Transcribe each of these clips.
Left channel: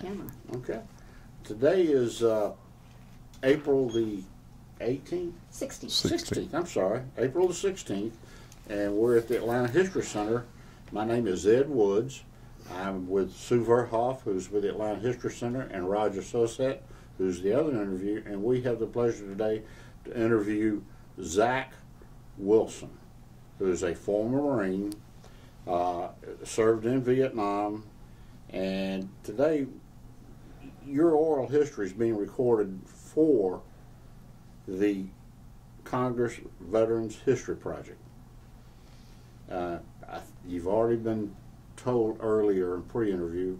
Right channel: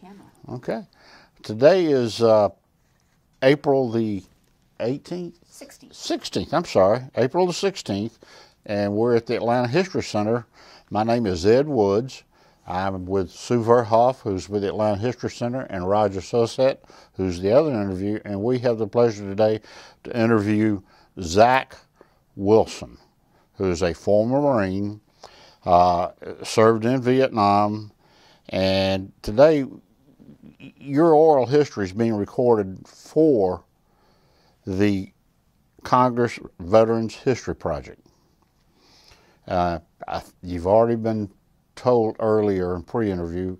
camera. Okay. Today is April the 18th? 16th. 16th, I'm sorry. April the 16th. And we're at the Atlanta History Center. My name is Ed Woods. I'm with Sue Verhoff, who's with the Atlanta History Center, and Roger Susset, who's the other interview. And we have the pleasure today to interview Zach Wilson, who is a former Marine, served in Vietnam. And today, your oral history is being recorded for the Congress Veterans History Project. You've already been told earlier in pre-interview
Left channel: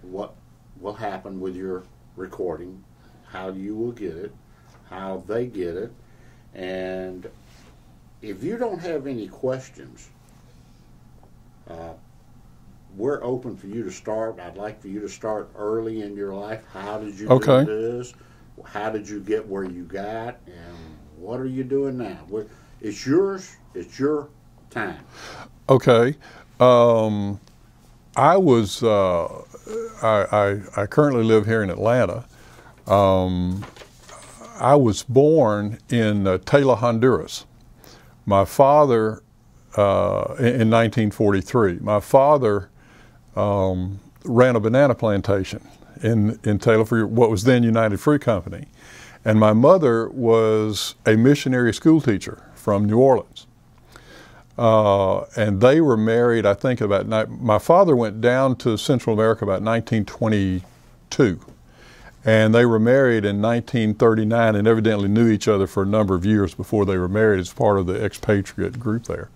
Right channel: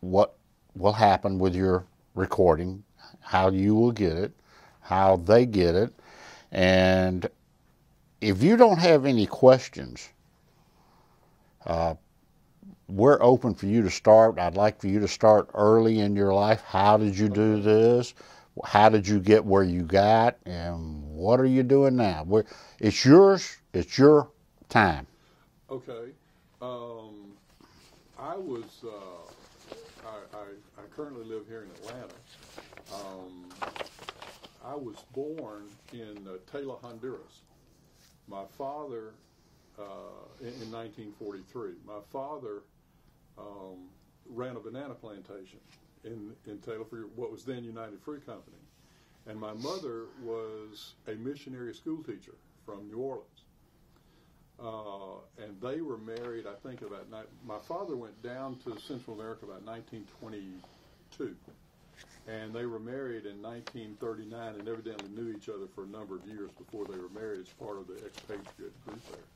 what will happen with your recording, how you will get it, how they get it, and if you don't have any questions, we're open for you to start. I'd like for you to start early in your life. How did you do this? How did you get where you got? And what are you doing now? It's yours. It's your time. Okay. I currently live here in Atlanta. I was born in Taylor, Honduras. My father, in 1943, my father ran a banana plantation in Taylor for what was then United Fruit Company. And my mother was a missionary school teacher from New Orleans. And they were married, I think, my father went down to Central America about 1922. And they were married in 1939 and evidently knew each other for a number of years before they were married as part of the expatriate group there.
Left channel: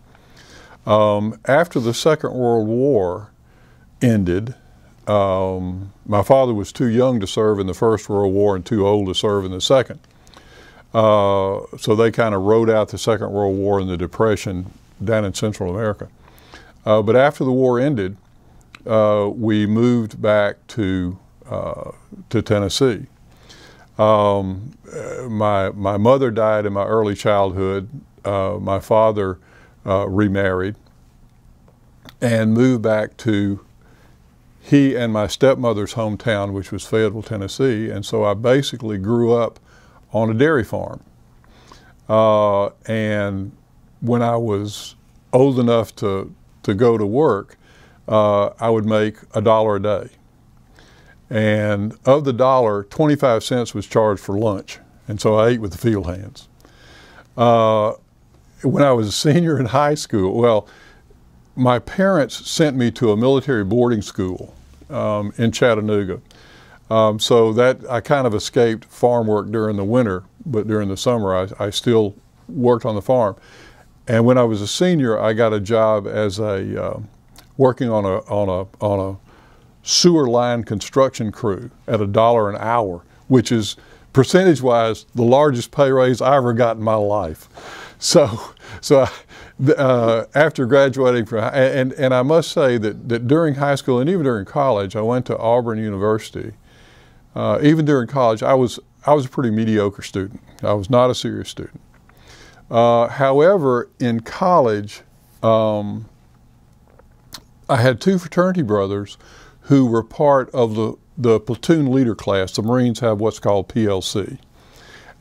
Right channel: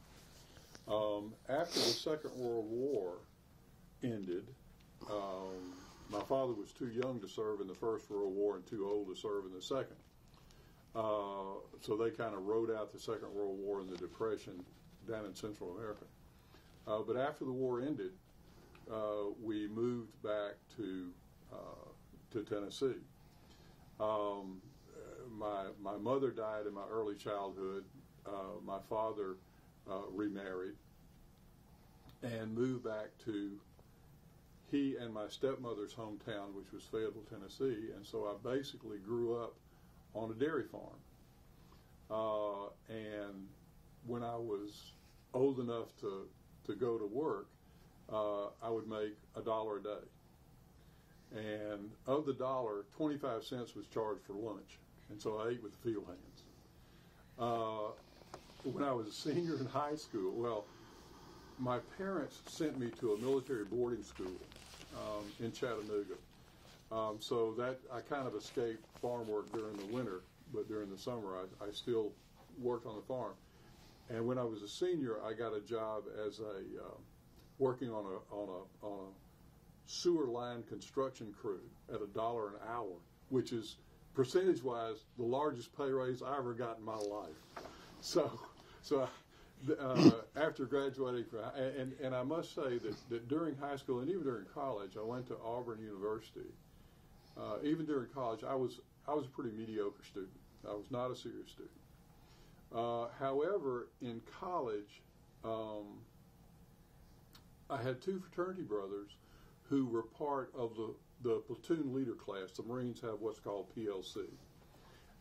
After the Second World War ended, my father was too young to serve in the First World War and too old to serve in the Second. So they kind of rode out the Second World War and the Depression down in Central America. But after the war ended, we moved back to Tennessee. My mother died in my early childhood. My father remarried and moved back to he and my stepmother's hometown, which was Fayetteville, Tennessee. And so I basically grew up on a dairy farm. And when I was old enough to go to work, I would make $1 a day. And of the dollar, 25 cents was charged for lunch. And so I ate with the field hands. When I was a senior in high school, well, my parents sent me to a military boarding school in Chattanooga. So that I kind of escaped farm work during the winter, but during the summer I still worked on the farm. And when I was a senior, I got a job as working on a sewer line construction crew at $1 an hour, which is percentage-wise the largest pay raise I ever got in my life. So after graduating from, and I must say that during high school and even during college, I went to Auburn University. Even during college, I was a pretty mediocre student. I was not a serious student. However, in college, I had two fraternity brothers who were part of the platoon leader class. The Marines have what's called PLC.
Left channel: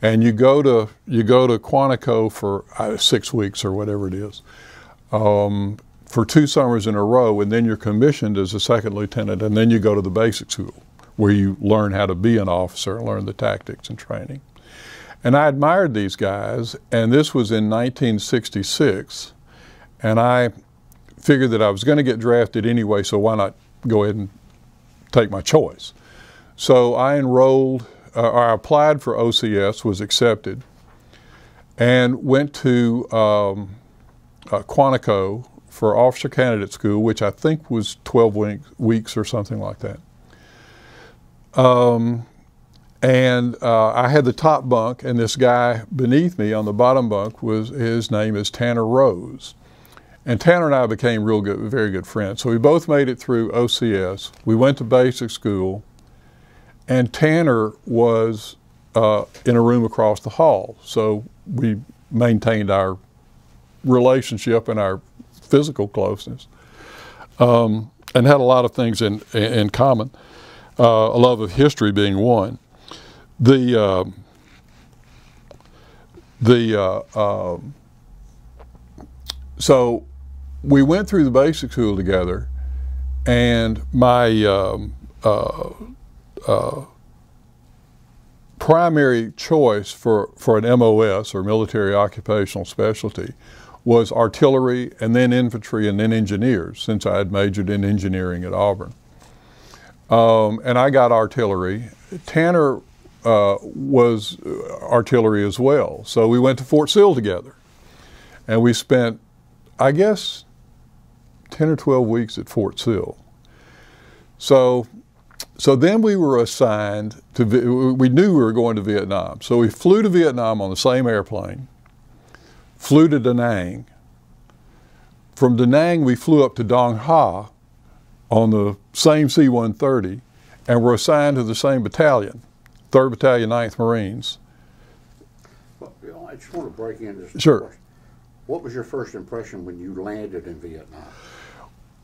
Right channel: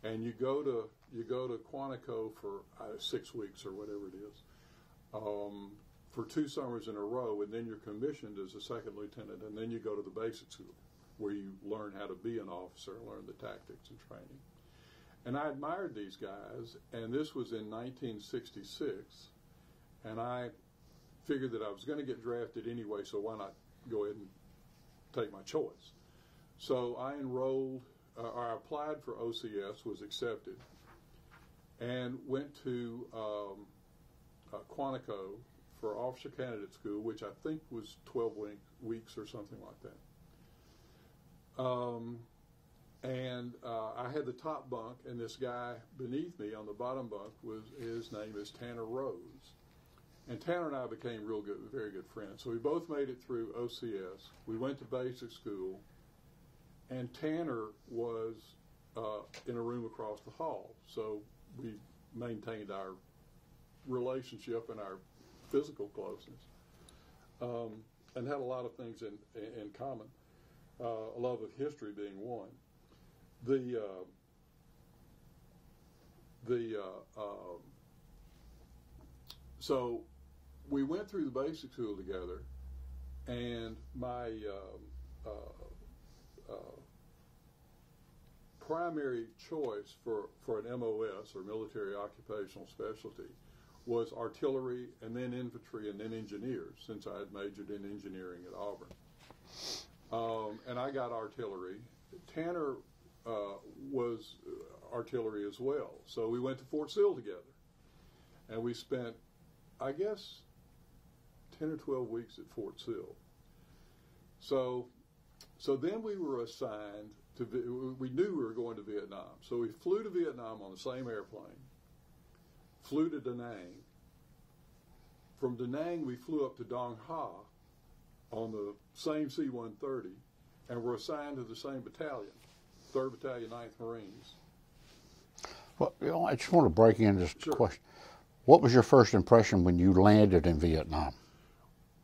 And you go to Quantico for 6 weeks or whatever it is, for 2 summers in a row, and then you're commissioned as a second lieutenant, and then you go to the basic school where you learn how to be an officer and learn the tactics and training. And I admired these guys, and this was in 1966, and I figured that I was going to get drafted anyway, so why not go ahead and take my choice. So I enrolled, I applied for OCS, was accepted, and went to Quantico for officer candidate school, which I think was 12 weeks or something like that. And I had the top bunk, and this guy beneath me on the bottom bunk his name is Tanner Rose. And Tanner and I became very good friends. So we both made it through OCS. We went to basic school, and Tanner was in a room across the hall. So we maintained our relationship and our physical closeness, and had a lot of things in common. a love of history being one. So we went through the basic school together, and my primary choice for an MOS, or military occupational specialty, was artillery, and then infantry, and then engineers, since I had majored in engineering at Auburn. And I got artillery. Tanner was artillery as well. So we went to Fort Sill together. And we spent, I guess, 10 or 12 weeks at Fort Sill. So then we were assigned to, we knew we were going to Vietnam. So we flew to Vietnam on the same airplane, flew to Da Nang. From Da Nang, we flew up to Dong Ha on the same C-130, and were assigned to the same battalion, 3rd Battalion, 9th Marines. Well, I just want to break in this Sure. question. What was your first impression when you landed in Vietnam?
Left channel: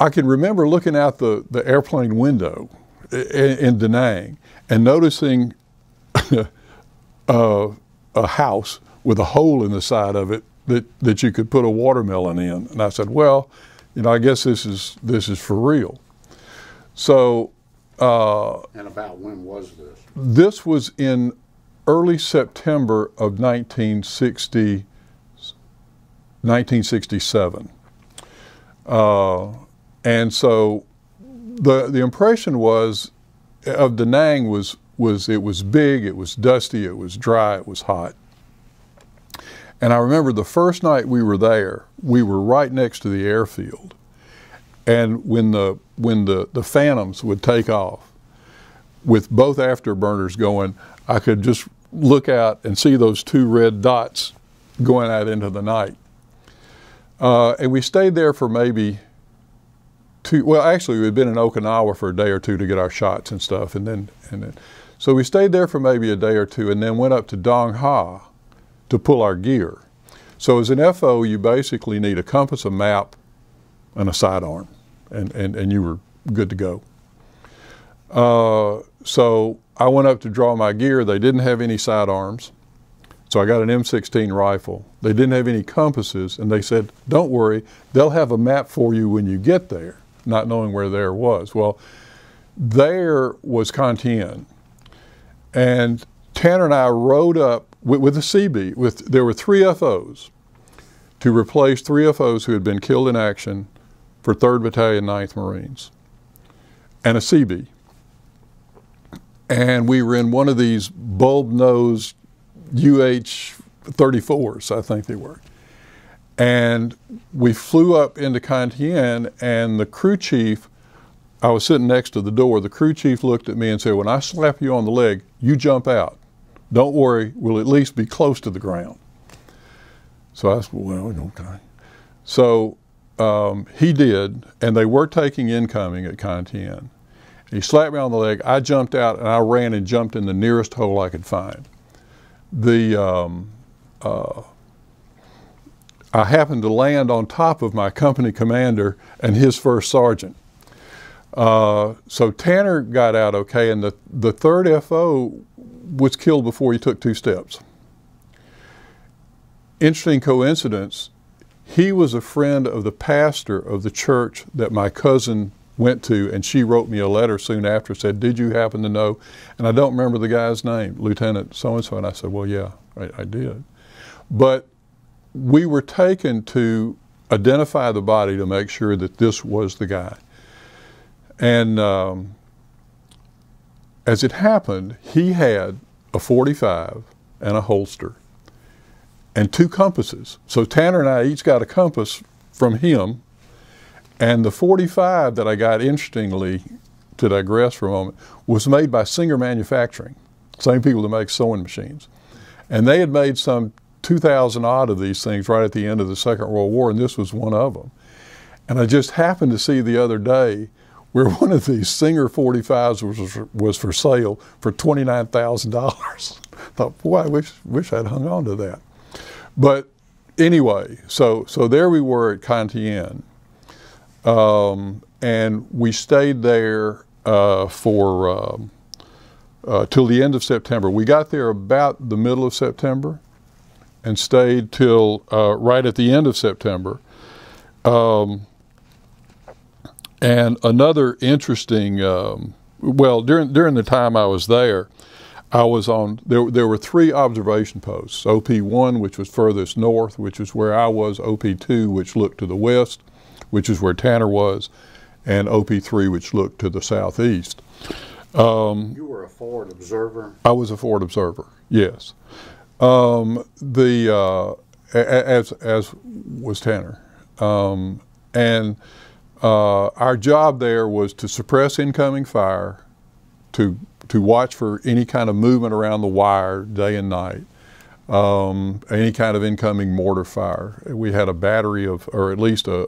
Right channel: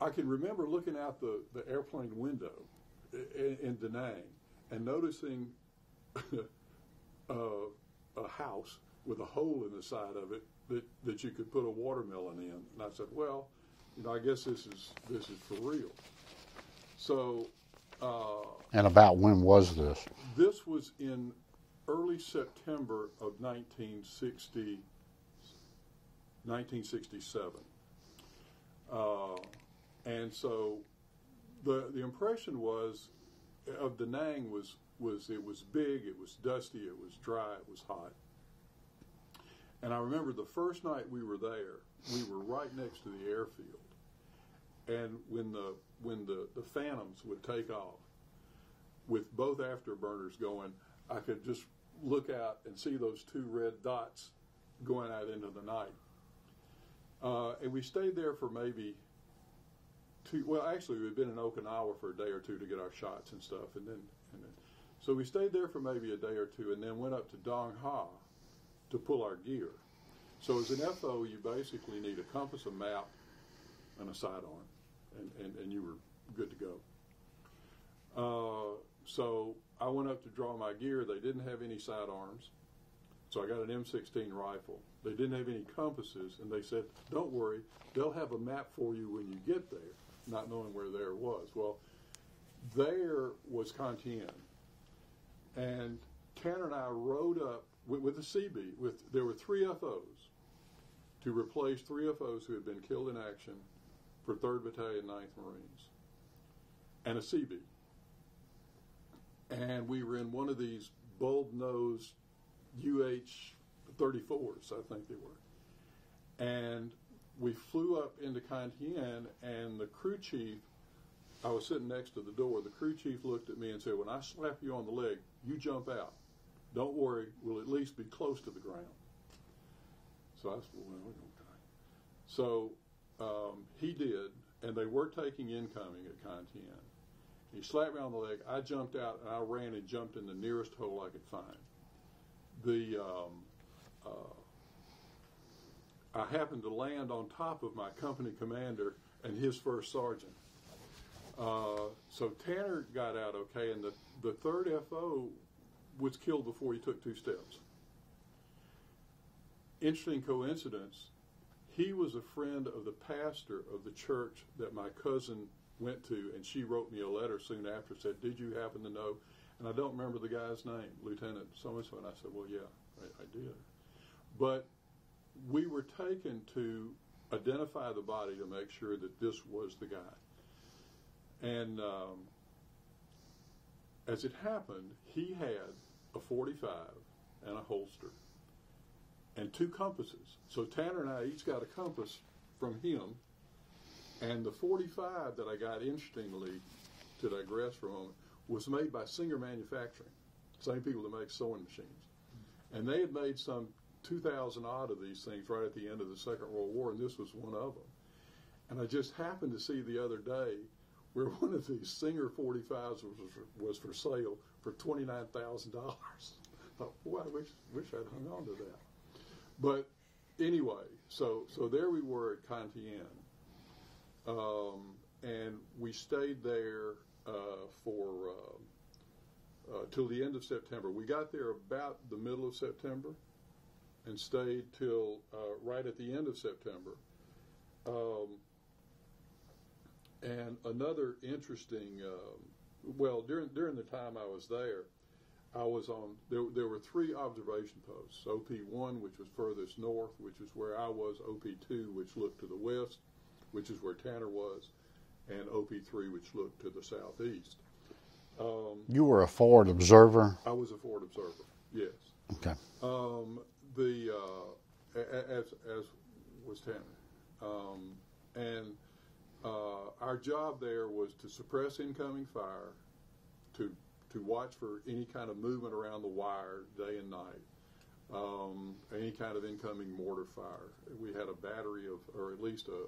I can remember looking out the airplane window in Da Nang and noticing a house with a hole in the side of it that you could put a watermelon in. And I said, well, you know, I guess this is for real. So. And about when was this? This was in early September of 1967. And so the impression was of Da Nang was it was big, it was dusty, it was dry, it was hot. And I remember the first night we were there, we were right next to the airfield. And when the Phantoms would take off with both afterburners going, I could just look out and see those 2 red dots going out into the night. And we stayed there for maybe well, actually we had been in Okinawa for a day or two to get our shots and stuff, and then so we stayed there for maybe a day or two, and then went up to Dong Ha to pull our gear. So as an FO, you basically need a compass, a map, and a sidearm, and you were good to go. So I went up to draw my gear. They didn't have any sidearms, so I got an M16 rifle. They didn't have any compasses, and they said, don't worry, they'll have a map for you when you get there, not knowing where there was. Well, there was Thien, and Tanner and I rode up with a CB. There were 3 FOs to replace 3 FOs who had been killed in action for 3rd Battalion, 9th Marines, and a CB. And we were in one of these bulb-nosed UH-34s, I think they were. And we flew up into Thien, and the crew chief, I was sitting next to the door, the crew chief looked at me and said, when I slap you on the leg, you jump out. Don't worry, we'll at least be close to the ground. So I said, well, okay. So he did, and they were taking incoming at Thien. He slapped me on the leg. I jumped out, and I ran and jumped in the nearest hole I could find. I happened to land on top of my company commander and his first sergeant. So Tanner got out okay, and the 3rd FO was killed before he took 2 steps. Interesting coincidence, he was a friend of the pastor of the church that my cousin went to, and she wrote me a letter soon after, said, did you happen to know? And I don't remember the guy's name, Lieutenant so-and-so, and I said, well, yeah, I did. But we were taken to identify the body to make sure that this was the guy. And as it happened, he had a .45 and a holster and 2 compasses. So Tanner and I each got a compass from him, and the .45 that I got, interestingly, to digress for a moment, was made by Singer Manufacturing, same people that make sewing machines. And they had made some 2,000 odd of these things right at the end of the Second World War, and this was one of them. And I just happened to see the other day where one of these Singer .45s was for sale for $29,000. Thought, boy, I wish I'd hung on to that. But anyway, so there we were at Thien, and we stayed there till the end of September. We got there about the middle of September and stayed till right at the end of September. And another interesting, well, during the time I was there, I was on, there were 3 observation posts, OP1, which was furthest north, which is where I was, OP2, which looked to the west, which is where Tanner was, and OP3, which looked to the southeast. You were a forward observer? I was a forward observer, yes. Okay. As was Tanner. And our job there was to suppress incoming fire, to watch for any kind of movement around the wire day and night, any kind of incoming mortar fire. We had a battery of, or at least a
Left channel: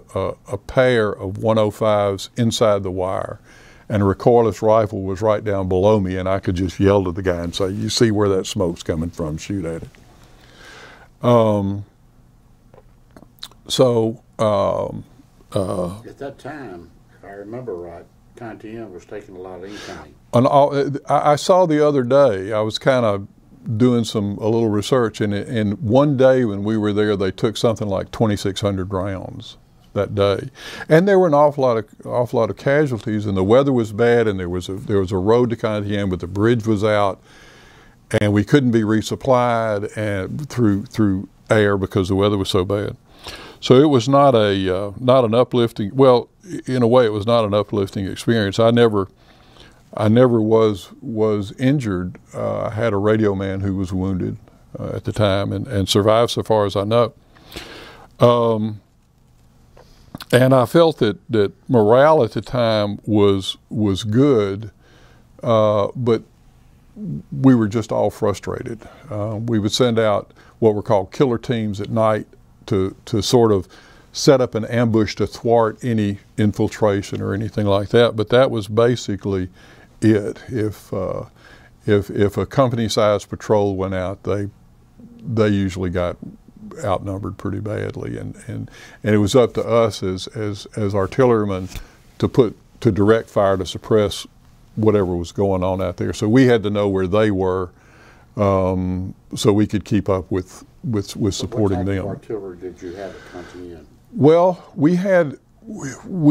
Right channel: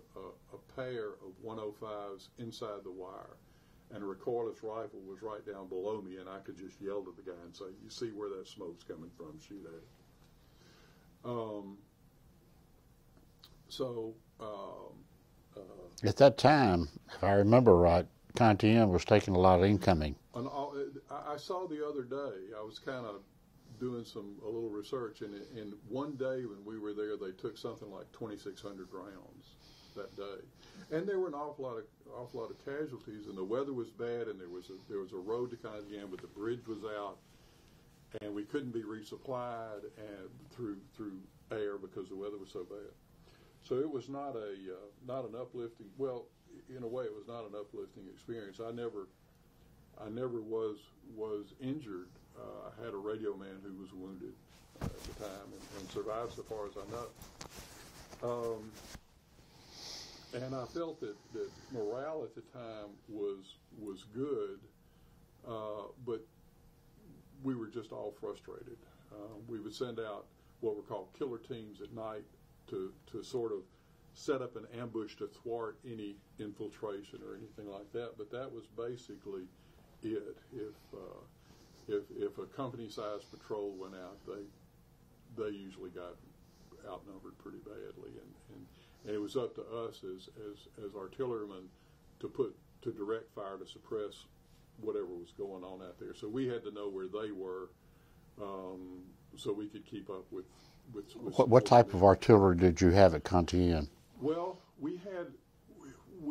pair of 105s inside the wire, and a recoilless rifle was right down below me, and I could just yell to the guy and say, "You see where that smoke's coming from, shoot at it." At that time, if I remember right, Thien was taking a lot of incoming. I saw the other day, I was kind of doing a little research, and one day when we were there, they took something like 2,600 rounds that day, and there were an awful lot of casualties, and the weather was bad, and there was a road to Thien, but the bridge was out, and we couldn't be resupplied and through air because the weather was so bad. So it was not an uplifting. Well, in a way, it was not an uplifting experience. I never was injured. I had a radio man who was wounded at the time and survived, so far as I know. And I felt that morale at the time was good, but we were just all frustrated. We would send out what were called killer teams at night to sort of set up an ambush to thwart any infiltration or anything like that. But that was basically it. If a company-sized patrol went out, they usually got outnumbered pretty badly, and it was up to us as artillerymen to direct fire to suppress whatever was going on out there. So we had to know where they were, so we could keep up with supporting them. What type of artillery did you have at Thien? Well, we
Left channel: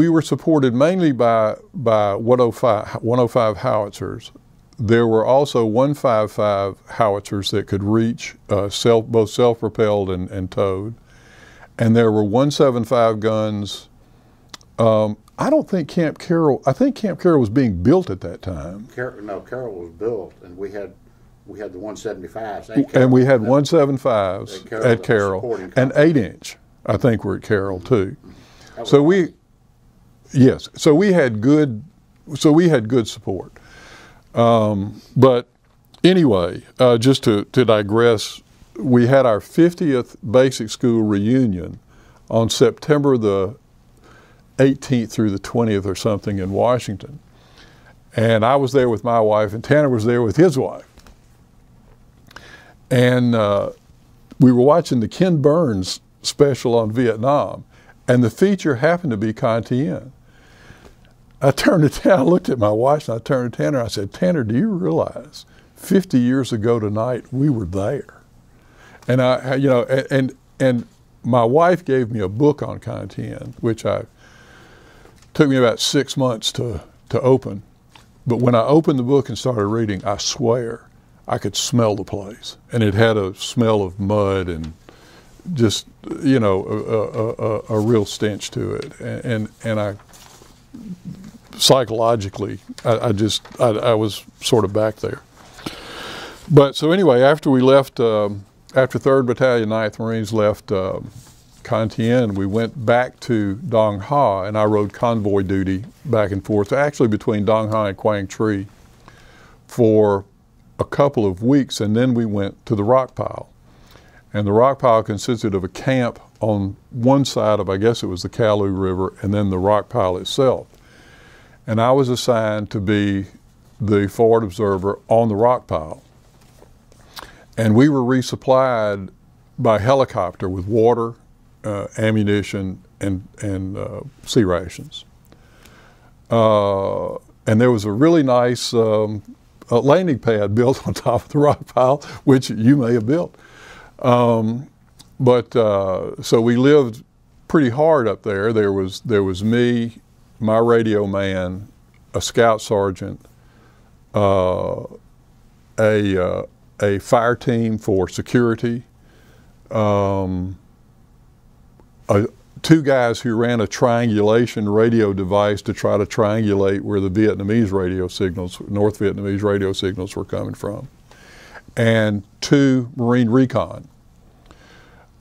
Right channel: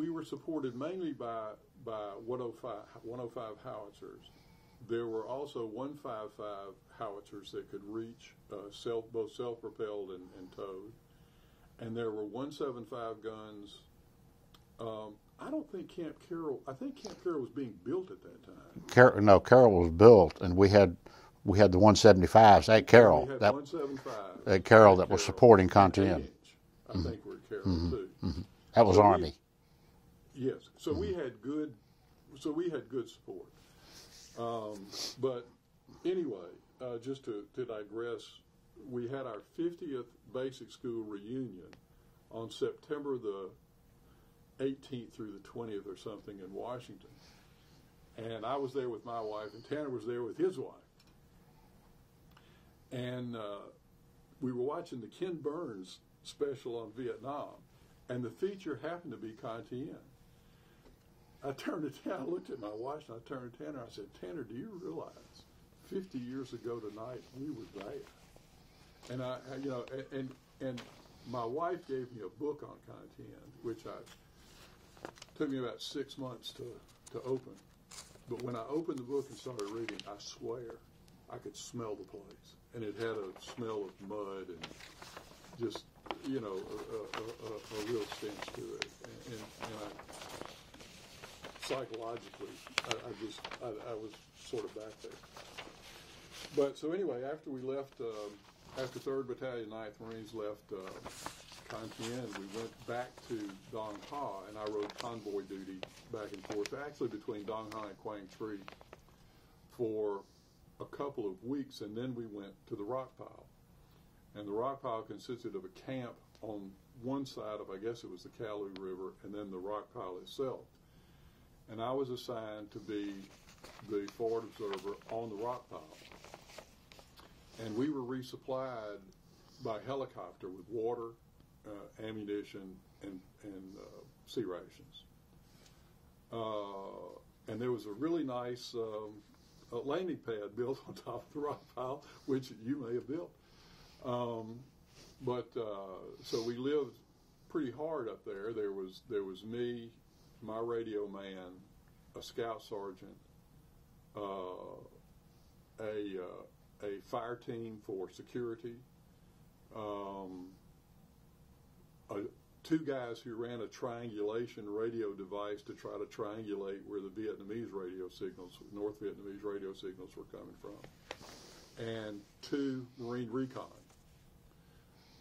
were supported mainly by 105 howitzers. There were also 155 howitzers that could reach both self-propelled and towed, and there were 175 guns. I don't think Camp Carroll. I think Camp Carroll was being built at that time. Carroll was built, and we had the 175s at Carroll. And we had 175s at Carroll, and 8-inch. I think were at Carroll too. Mm-hmm. That was so Army. Yes. So we had good support. But anyway, just to digress, we had our 50th basic school reunion on September the 18th through the 20th or something in Washington. And I was there with my wife, and Tanner was there with his wife. And we were watching the Ken Burns special on Vietnam, and the feature happened to be Thien. I turned to Tanner, I looked at my wife, and I turned to Tanner, I said, "Tanner, do you realize 50 years ago tonight we were there?" And and my wife gave me a book on Thien, which took me about 6 months to open. But when I opened the book and started reading, I swear I could smell the place, and it had a smell of mud and just a real stench to it, and I psychologically I was sort of back there. But so anyway, after we left, after 3rd Battalion 9th Marines left Thien, we went back to Dong Ha, and I rode convoy duty back and forth, actually between Dong Ha and Quang Tri, for a couple of weeks, and then we went to the Rockpile. And the Rockpile consisted of a camp on one side of, I guess it was the Calais River, and then the Rockpile itself. And I was assigned to be the forward observer on the Rockpile. And we were resupplied by helicopter with water, ammunition, and sea rations. and there was a really nice landing pad built on top of the rock pile, which you may have built. So we lived pretty hard up there. There was me, my radio man, a scout sergeant, a fire team for security, two guys who ran a triangulation radio device to try to triangulate where the Vietnamese radio signals, North Vietnamese radio signals were coming from, and two Marine recon.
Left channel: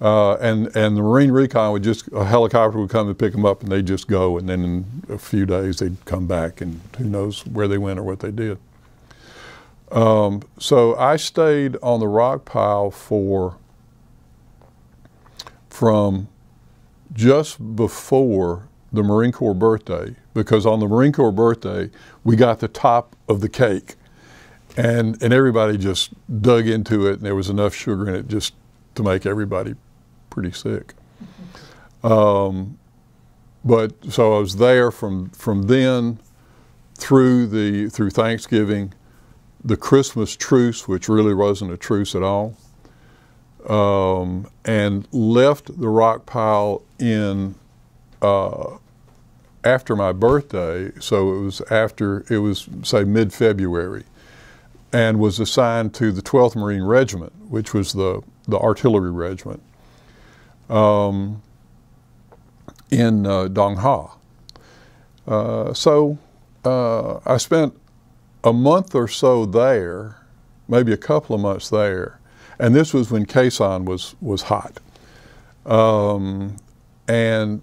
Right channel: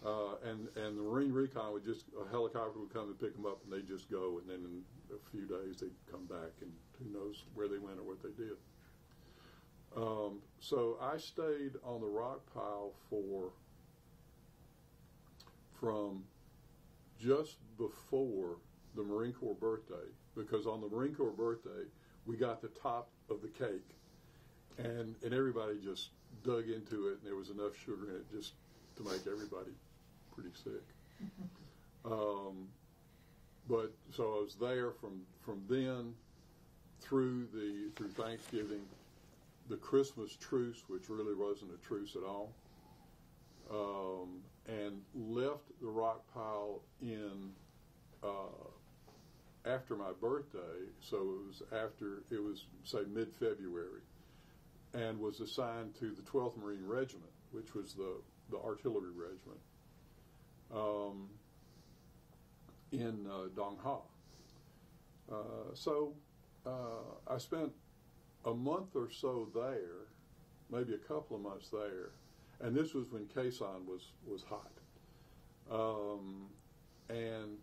And the Marine recon would a helicopter would come and pick them up, and they'd just go, and then in a few days they'd come back, and who knows where they went or what they did. So I stayed on the Rockpile from just before the Marine Corps birthday, because on the Marine Corps birthday we got the top of the cake, and everybody just dug into it, and there was enough sugar in it just to make everybody pretty sick. But so I was there from then through Thanksgiving, the Christmas truce, which really wasn't a truce at all, and left the Rockpile in after my birthday. So it was say mid-February, and was assigned to the 12th Marine Regiment, which was the artillery regiment in Dong Ha. So I spent a month or so there, maybe a couple of months there, and this was when Khe Sanh was hot. And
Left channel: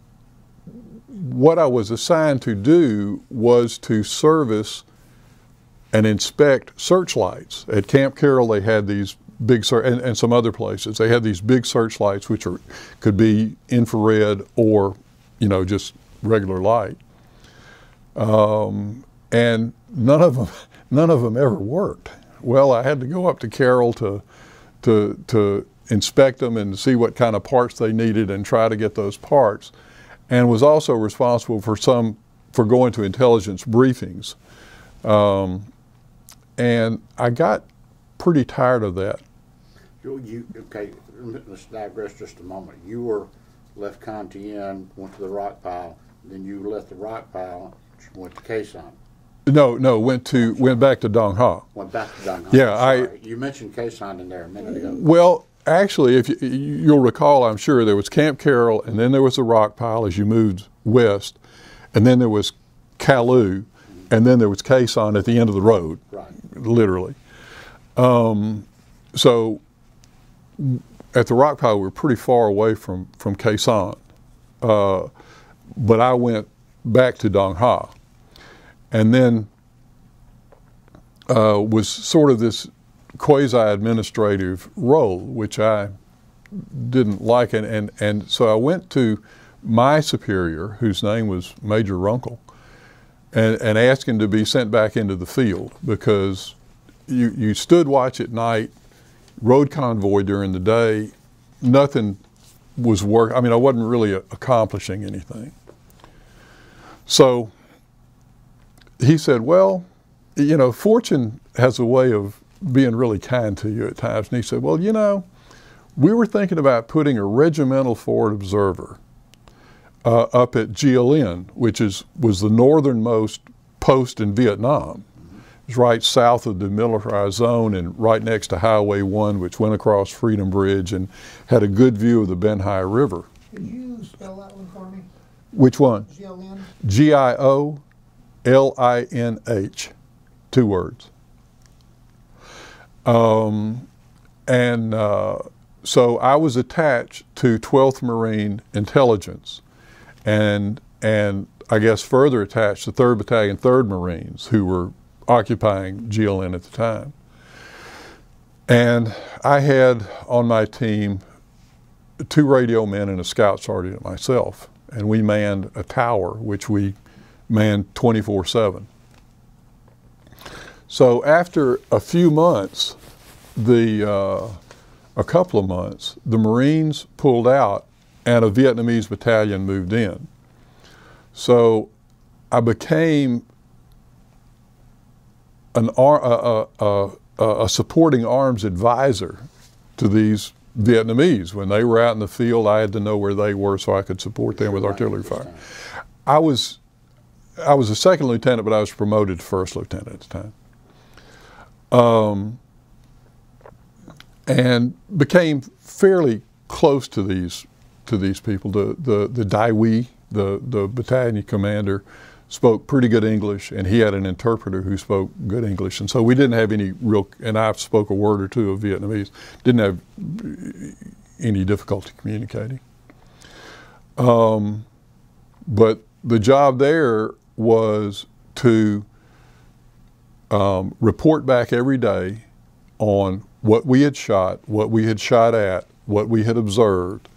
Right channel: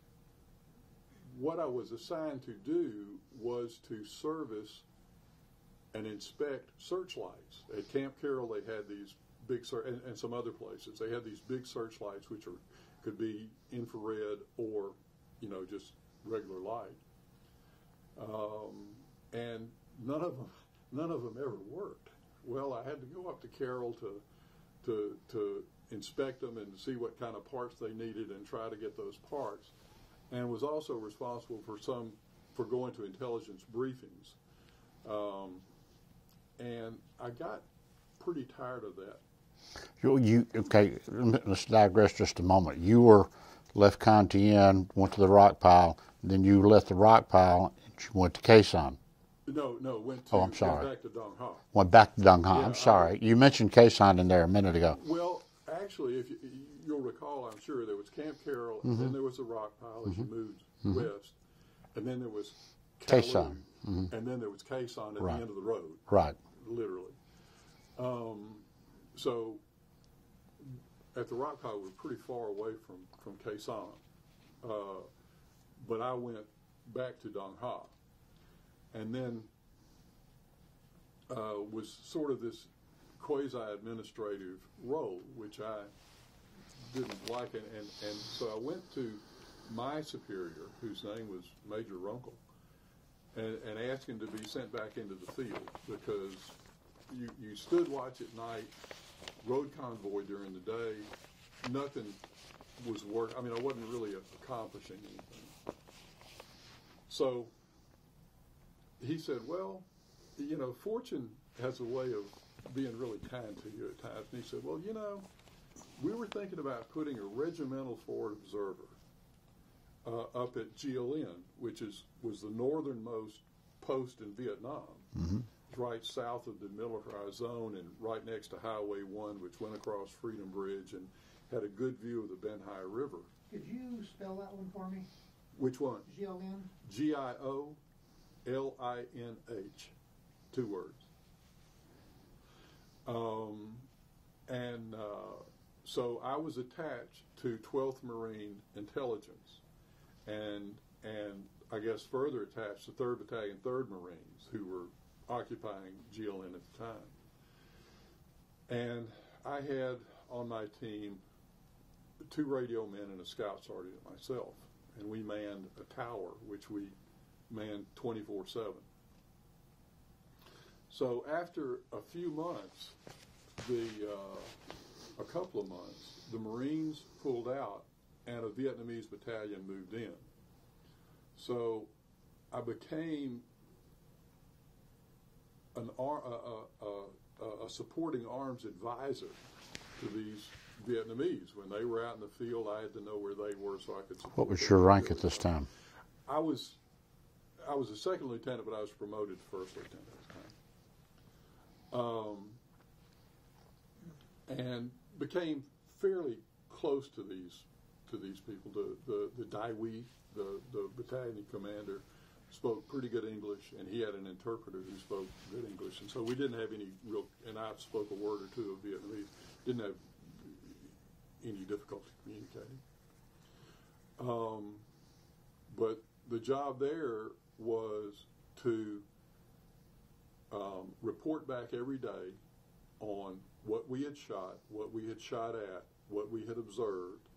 what I was assigned to do was to service and inspect searchlights. At Camp Carroll they had these big, and some other places, they had these big searchlights which could be infrared or, just regular light. And none of them ever worked. Well, I had to go up to Carroll to inspect them and see what kind of parts they needed and try to get those parts, and was also responsible for going to intelligence briefings. And I got pretty tired of that. Okay, let's digress just a moment. You were left Con Thien, went to the Rockpile, then you left the Rockpile, went to Khe Sanh. No, went back to Dong Ha. Went back to Dong Ha. Yeah, sorry. You mentioned Khe Sanh in there a minute ago. Well, actually, if you'll recall, I'm sure there was Camp Carroll, and then there was the Rockpile as you moved west, and then there was Kalu, and then there was Khe Sanh at the end of the road. Right. Literally. So at the Rockpile, we were pretty far away from Khe Sanh, but I went back to Dong Ha, and then was sort of this quasi-administrative role, which I didn't like, and so I went to my superior, whose name was Major Runkle, and asked him to be sent back into the field, because you stood watch at night, road convoy during the day, nothing was working. I mean, I wasn't really accomplishing anything. So he said, well, fortune has a way of being really kind to you at times. And he said, well, we were thinking about putting a regimental forward observer up at GLN, which was the northernmost post in Vietnam. Mm-hmm. It was right south of the demilitarized zone and right next to Highway 1, which went across Freedom Bridge and had a good view of the Ben Hai River. Could you spell that one for me? Which one? GLN? GIOLINH, 2 words. So I was attached to 12th Marine Intelligence, and I guess further attached to 3rd Battalion, 3rd Marines, who were occupying GLN at the time. And I had on my team 2 radio men and a scout sergeant myself, and we manned a tower, which we manned 24/7. So after a few months, a couple of months, the Marines pulled out and a Vietnamese battalion moved in. So I became a supporting arms advisor to these Vietnamese. When they were out in the field, I had to know where they were so I could support them with artillery fire. I was a second lieutenant, but I was promoted to first lieutenant at the time. And became fairly close to these people. The Dai Huy, the battalion commander, spoke pretty good English, and he had an interpreter who spoke good English. And so we didn't have any real, and I spoke a word or two of Vietnamese, didn't have any difficulty communicating. But the job there was to report back every day on what we had shot, what we had shot at, what we had observed.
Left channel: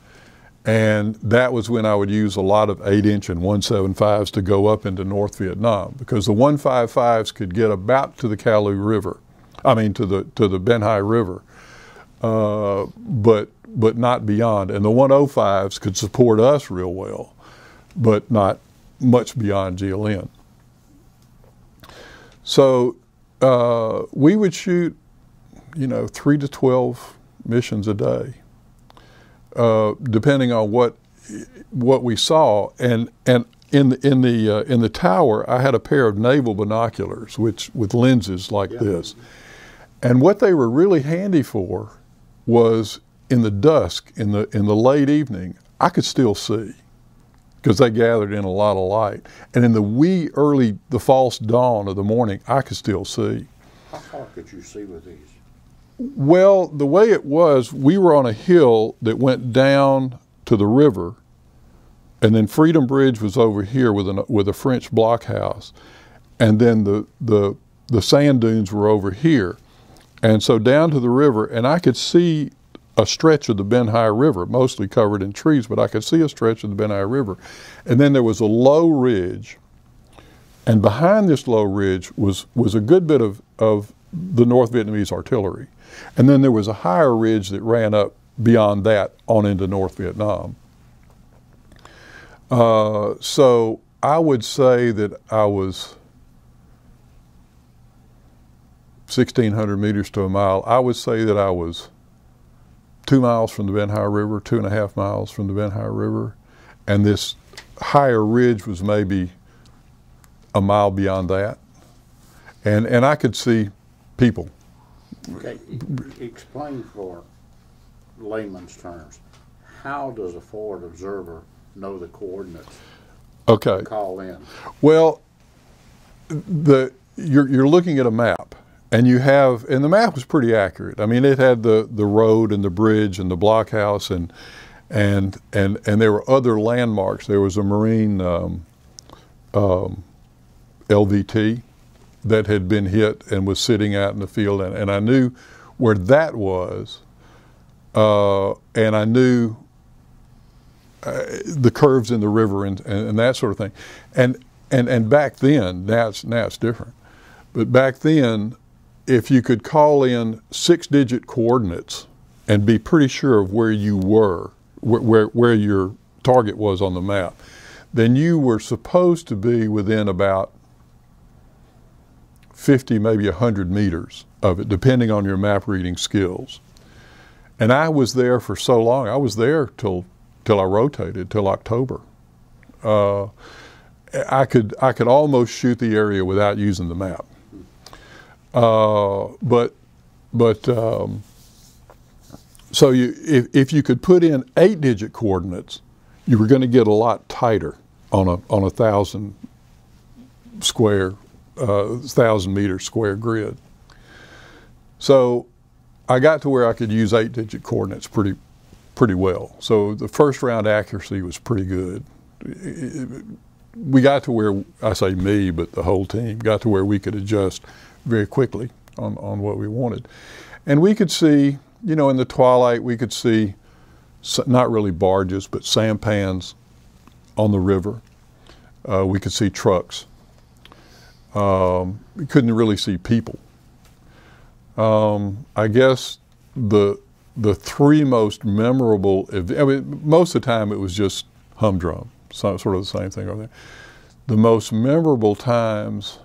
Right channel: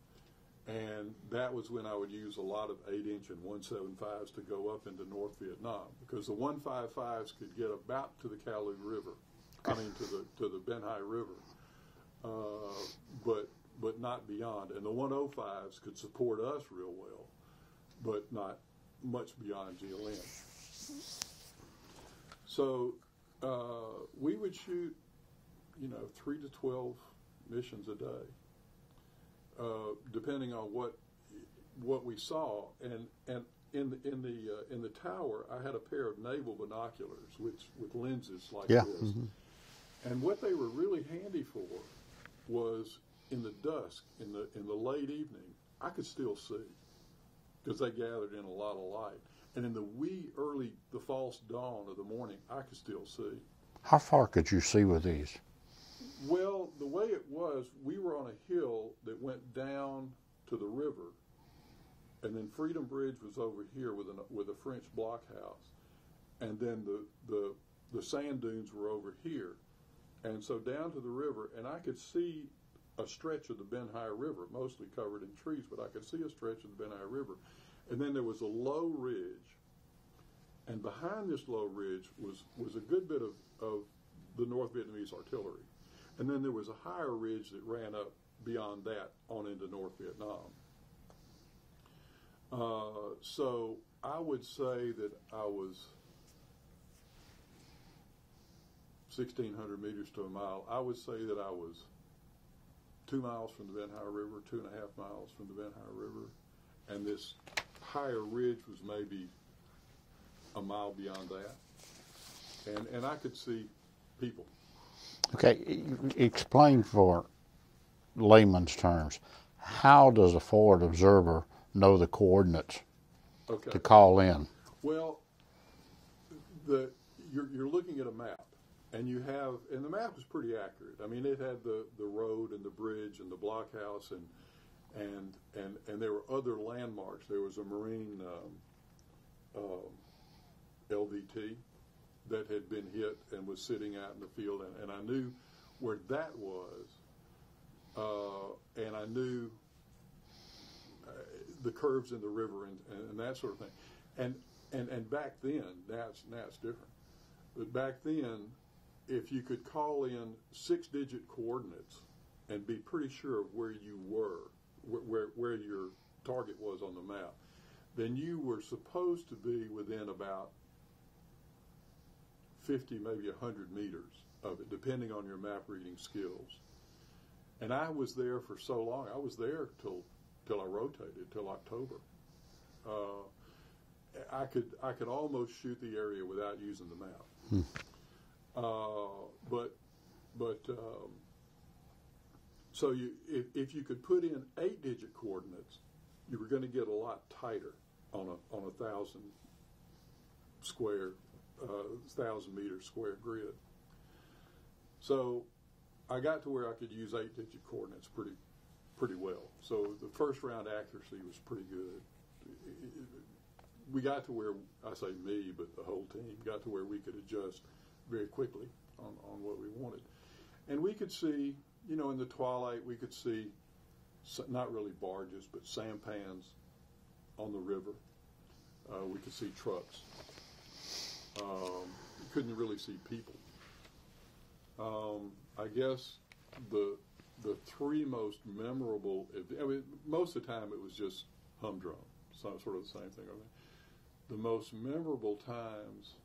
And that was when I would use a lot of 8-inch and 175s to go up into North Vietnam, because the 155s could get about to the Kalu River, to the Ben Hai River, but not beyond. And the 105s could support us real well, but not much beyond GLN. So we would shoot, 3 to 12 missions a day. Depending on what we saw, and in the tower, I had a pair of naval binoculars, with lenses like this, and what they were really handy for was in the dusk, in the late evening, I could still see, because they gathered in a lot of light, and in the false dawn of the morning, I could still see. How far could you see with these? Well, the way it was, we were on a hill that went down to the river, and then Freedom Bridge was over here with a French blockhouse, and then the sand dunes were over here, and so down to the river, and I could see a stretch of the Ben Hai River, mostly covered in trees, but I could see a stretch of the Ben Hai River, and then there was a low ridge, and behind this low ridge was a good bit of the North Vietnamese artillery. And then there was a higher ridge that ran up beyond that on into North Vietnam. So I would say that I was 1,600 meters to a mile. I would say that I was 2 miles from the Ben Hai River, 2.5 miles from the Ben Hai River, and this higher ridge was maybe a mile beyond that. And I could see people. Okay, explain for layman's terms, how does a forward observer know the coordinates to call in? Well, you're looking at a map, and the map was pretty accurate. I mean, it had the road and the bridge and the blockhouse, and there were other landmarks. There was a Marine LVT that had been hit and was sitting out in the field, and I knew where that was, and I knew the curves in the river and that sort of thing. And back then, now it's different, but back then, if you could call in 6-digit coordinates and be pretty sure of where you were, where your target was on the map, then you were supposed to be within about 50, maybe 100 meters of it, depending on your map reading skills. And I was there for so long. I was there till I rotated, till October. I could almost shoot the area without using the map. So if you could put in 8-digit coordinates, you were going to get a lot tighter on a 1,000 meter square grid. So I got to where I could use 8-digit coordinates pretty well. So the first round accuracy was pretty good. We got to where, I say me, but the whole team got to where we could adjust very quickly on what we wanted. And we could see, in the twilight, we could see not really barges, but sampans on the river. We could see trucks. We couldn't really see people. I guess the three most memorable, most of the time it was just humdrum, sort of the same thing over there. The most memorable times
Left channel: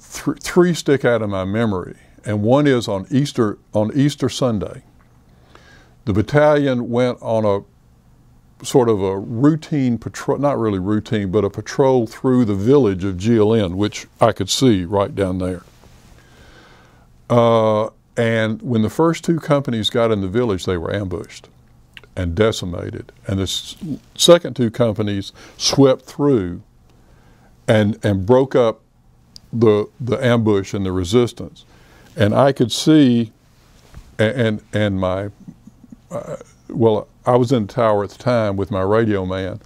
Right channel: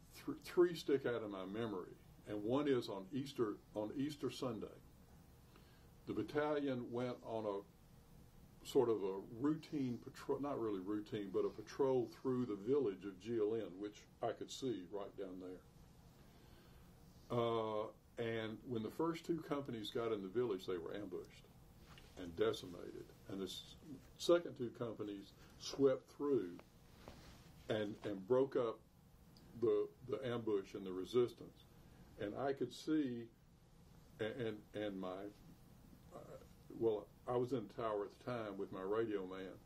three stick out of my memory, and one is on Easter Sunday. The battalion went on a sort of a routine patrol, not really routine, but a patrol through the village of GLN, which I could see right down there. And when the first two companies got in the village, they were ambushed and decimated. And the second two companies swept through and broke up the ambush and the resistance. And I could see, and my, well, I was in the tower at the time with my radio man,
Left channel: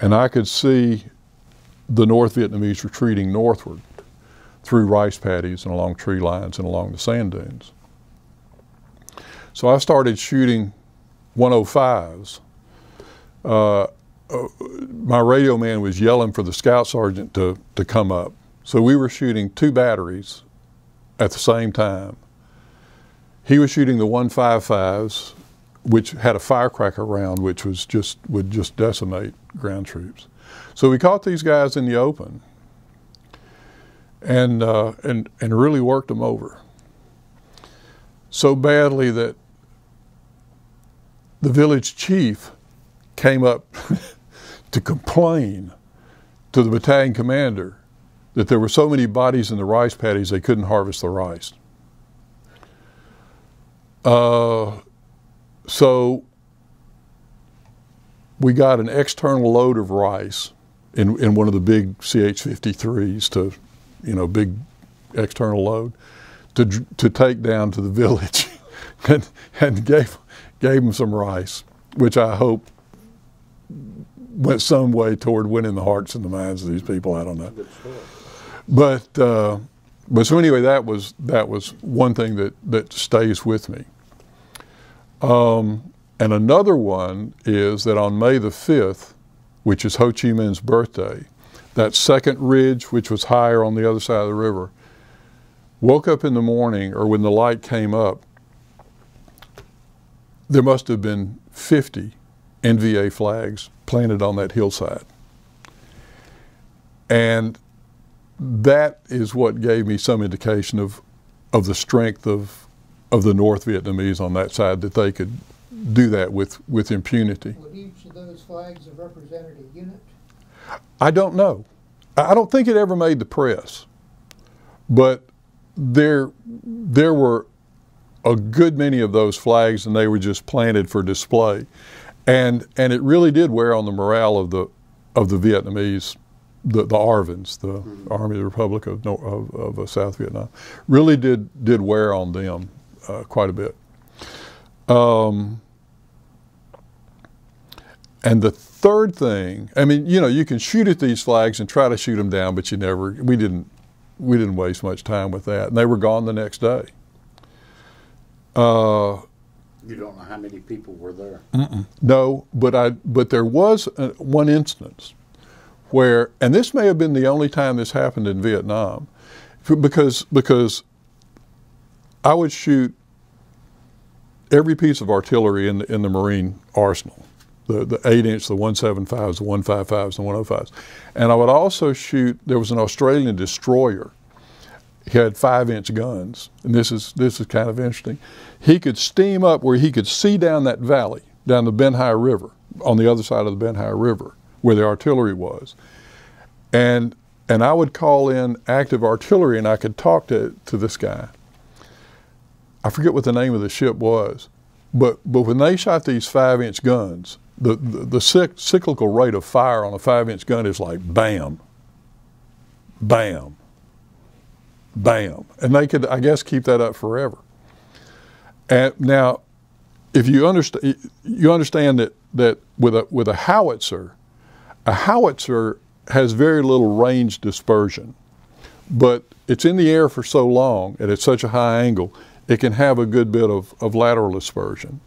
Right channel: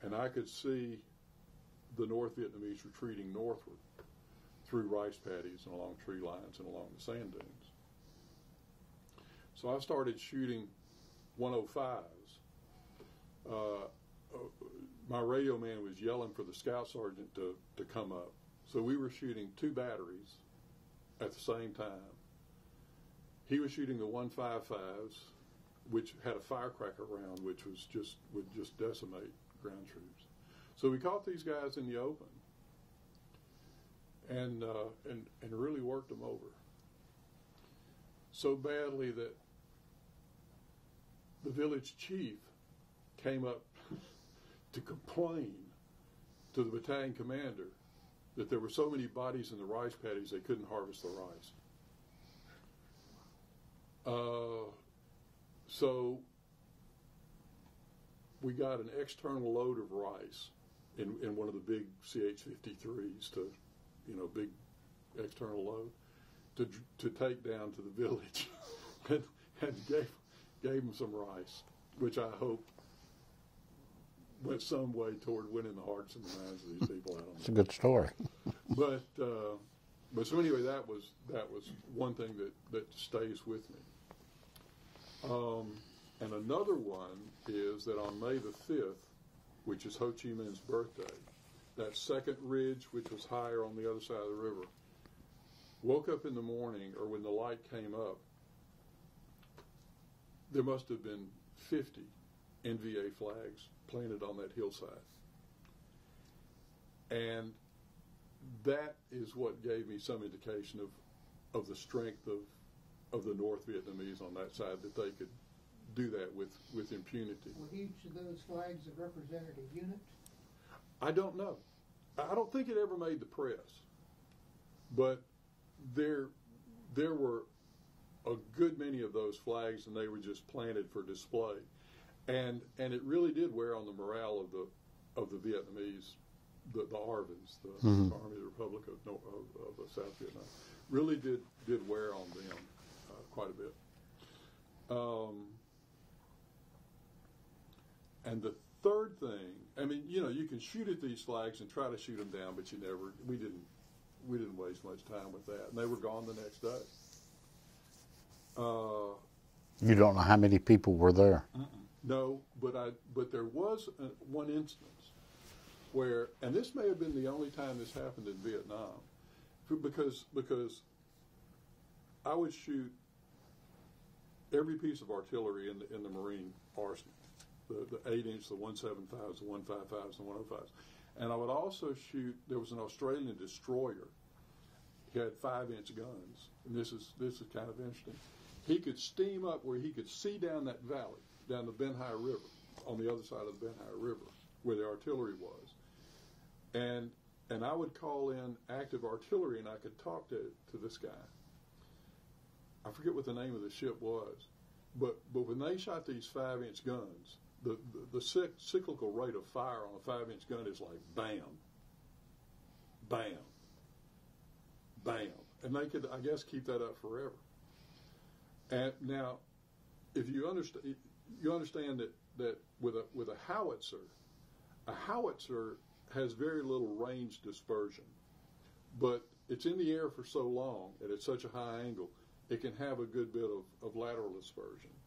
and I could see the North Vietnamese retreating northward through rice paddies and along tree lines and along the sand dunes. So I started shooting 105s. My radio man was yelling for the scout sergeant to come up. So we were shooting two batteries at the same time. He was shooting the 155s, which had a firecracker round, which was would just decimate ground troops. So we caught these guys in the open and really worked them over so badly that the village chief came up to complain to the battalion commander that there were so many bodies in the rice paddies they couldn't harvest the rice. So we got an external load of rice in one of the big CH-53s to, you know, big external load to take down to the village and gave them some rice, which I hope went some way toward winning the hearts and the minds of these people. I don't know. That's a good story. But so anyway, that was one thing that stays with me. And another one is that on May the 5th, which is Ho Chi Minh's birthday, that second ridge, which was higher on the other side of the river, woke up in the morning, or when the light came up, there must have been 50 NVA flags planted on that hillside. And that is what gave me some indication of the strength of the North Vietnamese on that side, that they could do that with impunity. Would each of those flags have represented a unit? I don't know. I don't think it ever made the press, but there were a good many of those flags, and they were just planted for display, and it really did wear on the morale of the Vietnamese, the ARVNs, the Army of the Republic of South Vietnam, really did wear on them quite a bit. And the third thing, I mean, you know, you can shoot at these flags and try to shoot them down, but we didn't waste much time with that, and they were gone the next day. You don't know how many people were there? No, but there was one instance where, and this may have been the only time this happened in Vietnam, because I would shoot every piece of artillery in the Marine arsenal, the 8-inch, the 175s, the 155s, the 105s. And I would also shoot, there was an Australian destroyer. He had 5-inch guns, and this is kind of interesting. He could steam up where he could see down that valley, down the Ben Hai River, on the other side of the Ben Hai River, where the artillery was. And I would call in active artillery, and I could talk to this guy. I forget what the name of the ship was, but when they shot these 5-inch guns, the cyclical rate of fire on a 5-inch gun is like bam, bam, bam. And they could, I guess, keep that up forever. And now, if you understand that with a howitzer has very little range dispersion, but it's in the air for so long and at such a high angle, it can have a good bit of lateral dispersion.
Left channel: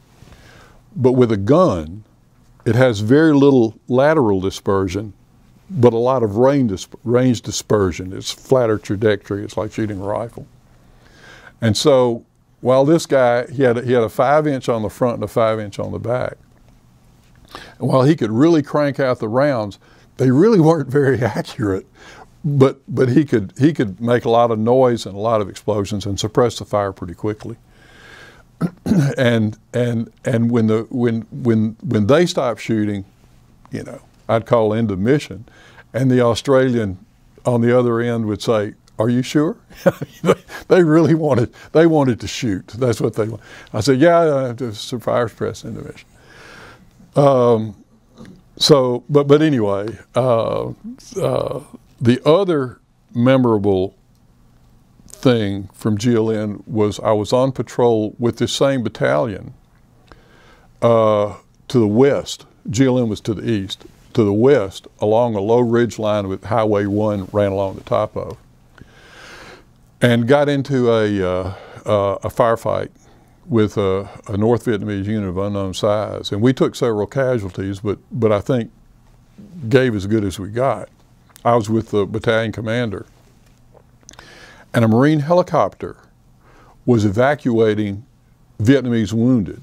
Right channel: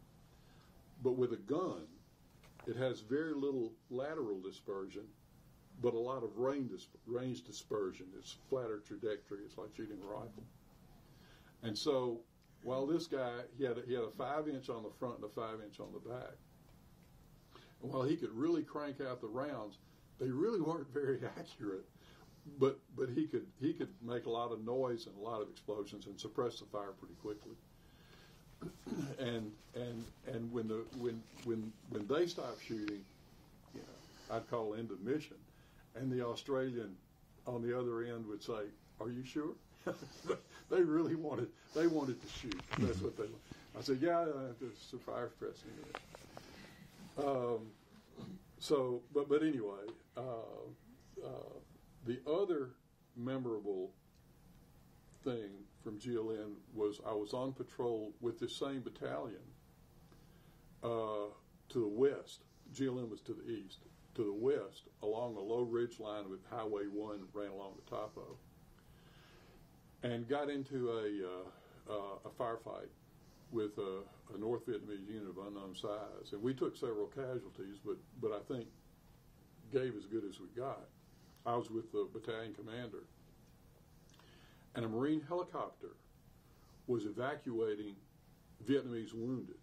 But with a gun, it has very little lateral dispersion, but a lot of range dispersion. It's flatter trajectory. It's like shooting a rifle. And so while this guy, he had a 5-inch on the front and a 5-inch on the back, and while he could really crank out the rounds, they really weren't very accurate but he could make a lot of noise and a lot of explosions and suppress the fire pretty quickly. and when they stopped shooting, you know, I'd call end of mission, and the Australian on the other end would say, "Are you sure?" They really wanted to shoot. That's what they want. I said, "Yeah, just the fire suppress end of mission." So, but anyway, the other memorable thing from GLN was I was on patrol with this same battalion to the west. GLN was to the east. To the west, along a low ridge line with Highway 1 ran along the top of, and got into a firefight with a North Vietnamese unit of unknown size. And we took several casualties, but I think gave as good as we got. I was with the battalion commander, and a Marine helicopter was evacuating Vietnamese wounded,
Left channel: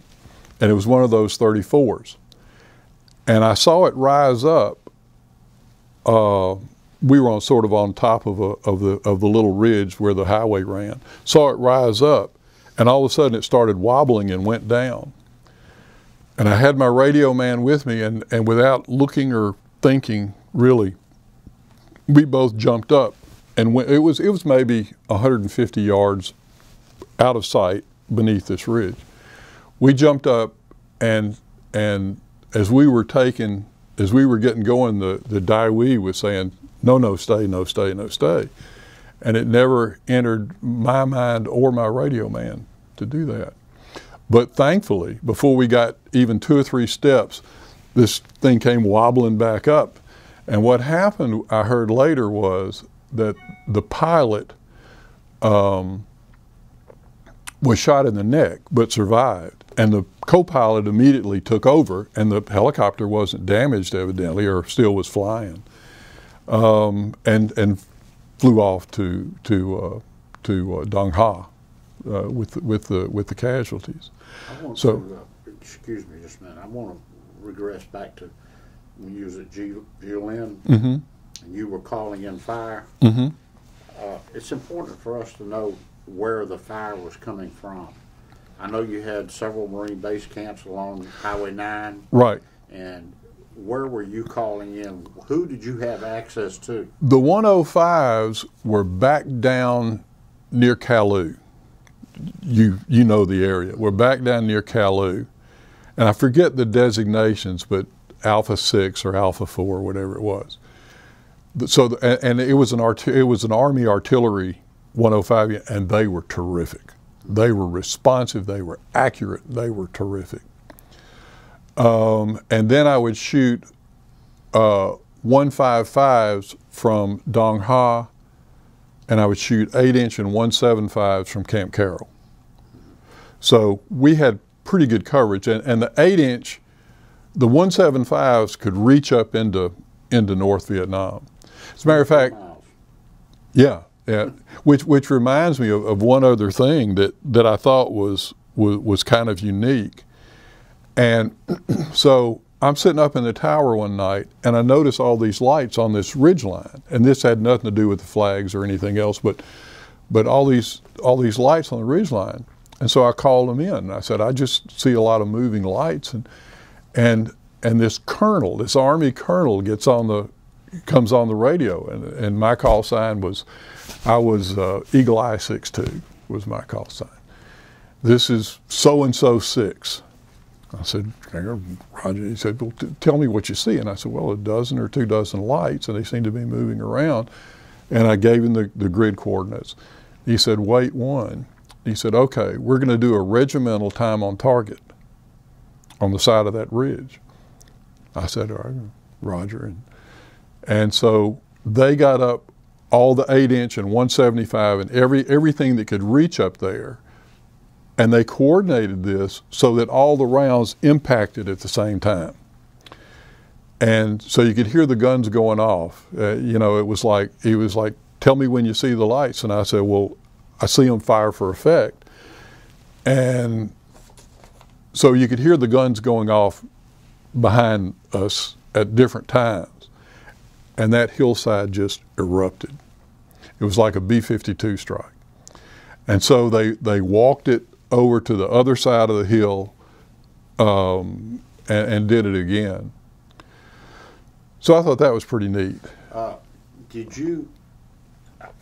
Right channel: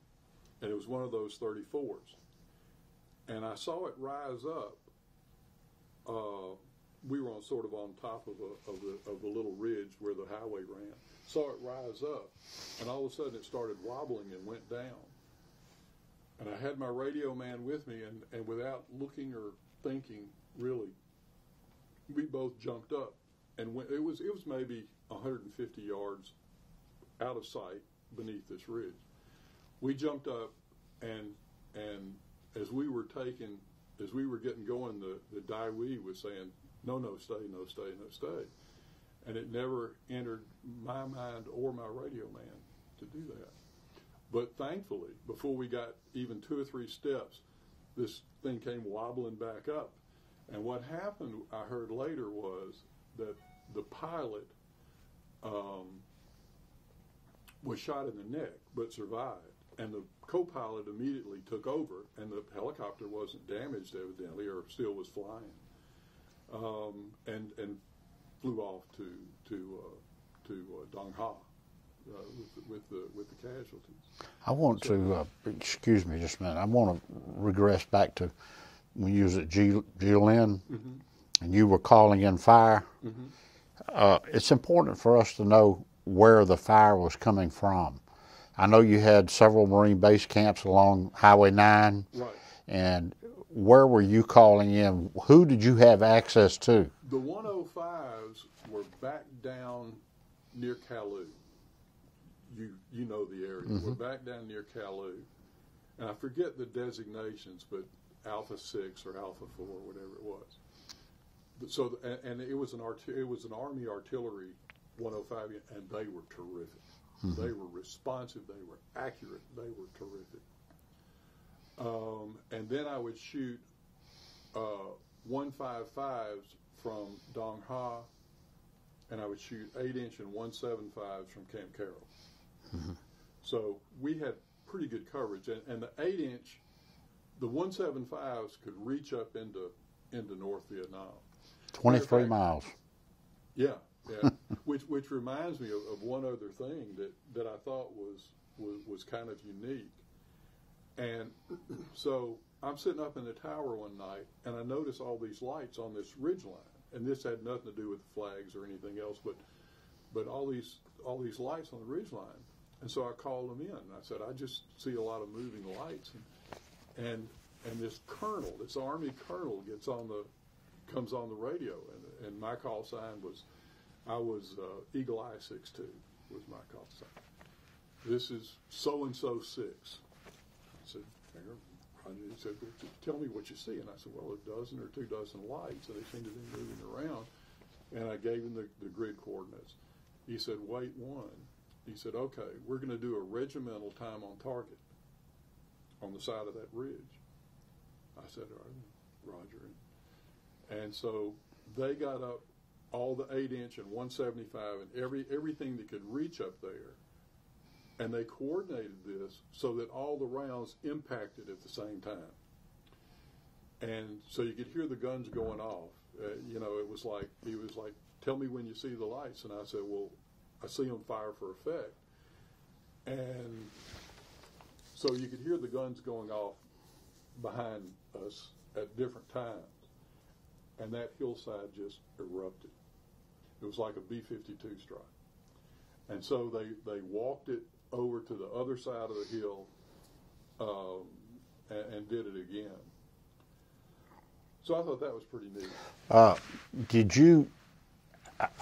and it was one of those 34s. And I saw it rise up. We were sort of on top of the little ridge where the highway ran. Saw it rise up, and all of a sudden it started wobbling and went down. And I had my radio man with me, and without looking or thinking really, we both jumped up, and it was maybe 150 yards out of sight beneath this ridge. We jumped up, and as we were getting going, the Daiwi was saying, "No, no, stay, no, stay, no, stay." And it never entered my mind or my radio man to do that. But thankfully, before we got even 2 or 3 steps, this thing came wobbling back up. And what happened, I heard later, was that the pilot was shot in the neck but survived. And the co-pilot immediately took over, and the helicopter wasn't damaged evidently, or still was flying, and flew off to Dong Ha with the casualties. I want to excuse me just a minute. I want to regress back to when you was at GLN, Mm-hmm. and you were calling in fire. Mm-hmm. It's important for us to know where the fire was coming from. I know you had several Marine base camps along Highway 9. Right. And where were you calling in? Who did you have access to? The 105s were back down near Kalu. You know the area. We're back down near Kalu. And I forget the designations, but Alpha 6 or Alpha 4, whatever it was. So, and it was an Army artillery 105, and they were terrific. They were responsive, they were accurate, they were terrific. And then I would shoot 155s from Dong Ha, and I would shoot 8-inch and 175s from Camp Carroll. So we had pretty good coverage, and the 8-inch, the 175s could reach up into North Vietnam. As a matter of fact, miles. Yeah. Yeah, which reminds me of one other thing that I thought was kind of unique. And so I'm sitting up in the tower one night, and I notice all these lights on this ridge line, and this had nothing to do with the flags or anything else, but all these lights on the ridge line. And so I called them in, and I said, "I just see a lot of moving lights," and this colonel, this Army colonel, comes on the radio, and my call sign was. I was Eagle Eye 6-2 was my call sign. "This is so-and-so 6. I said, "Roger." He said, "Well, tell me what you see." And I said, "Well, 1 or 2 dozen lights, and they seem to be moving around." And I gave him the grid coordinates. He said, "Wait 1. He said, "Okay, we're going to do a regimental time on target on the side of that ridge." I said, "All right, Roger." And so they got up all the 8-inch and 175 and everything that could reach up there, and they coordinated this so that all the rounds impacted at the same time. And so you could hear the guns going off. You know, he was like, "Tell me when you see the lights." And I said, "Well, I see them fire for effect." And so you could hear the guns going off behind us at different times. and that hillside just erupted. It was like a B-52 strike. And so they walked it over to the other side of the hill and did it again. So I thought that was pretty neat. Did you,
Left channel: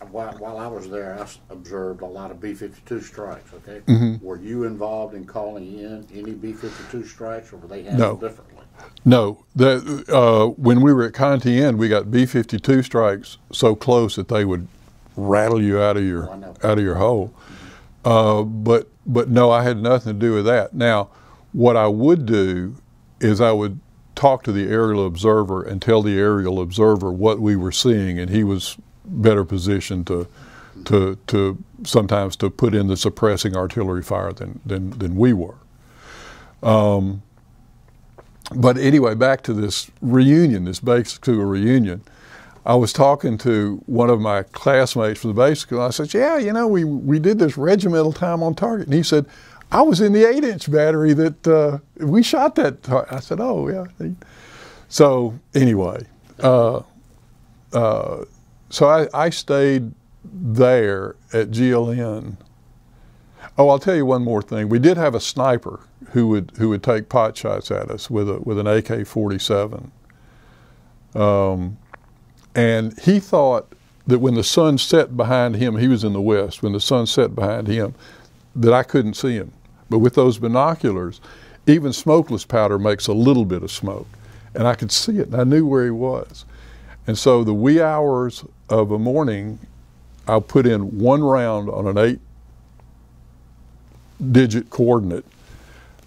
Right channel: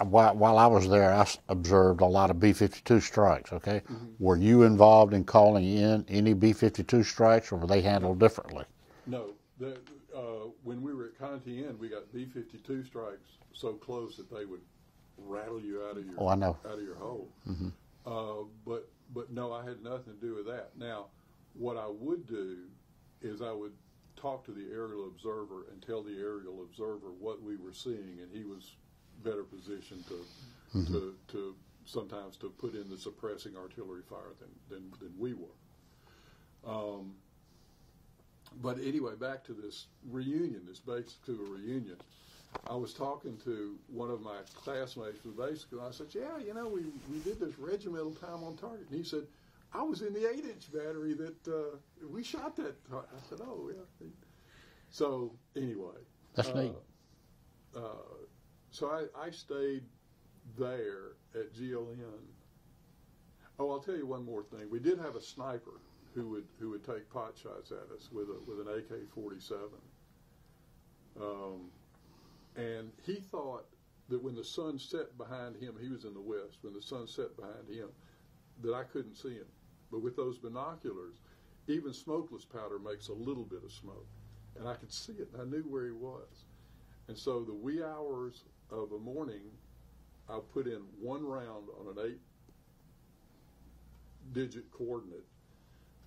while I was there, I observed a lot of B-52 strikes, okay? Mm-hmm. Were you involved in calling in any B-52 strikes, or were they handled differently? No. When we were at Thien, we got B-52 strikes so close that they would rattle you out of your hole. Mm-hmm. But no, I had nothing to do with that. Now, what I would do is I would talk to the aerial observer and tell the aerial observer what we were seeing, and he was better positioned to sometimes to put in the suppressing artillery fire than we were. But anyway, back to this reunion, this basic school reunion. I was talking to one of my classmates from the basic school. I said, yeah, you know, we did this regimental time on target. And he said, I was in the 8-inch battery that we shot that target. I said, oh, yeah. So anyway, so I stayed there at GLN. Oh, I'll tell you one more thing. We did have a sniper who would take pot shots at us with an AK-47. And he thought that when the sun set behind him, he was in the west, when the sun set behind him, that I couldn't see him. But with those binoculars, even smokeless powder makes a little bit of smoke. And I could see it, and I knew where he was. And so the wee hours of a morning, I'll put in one round on an 8-digit coordinate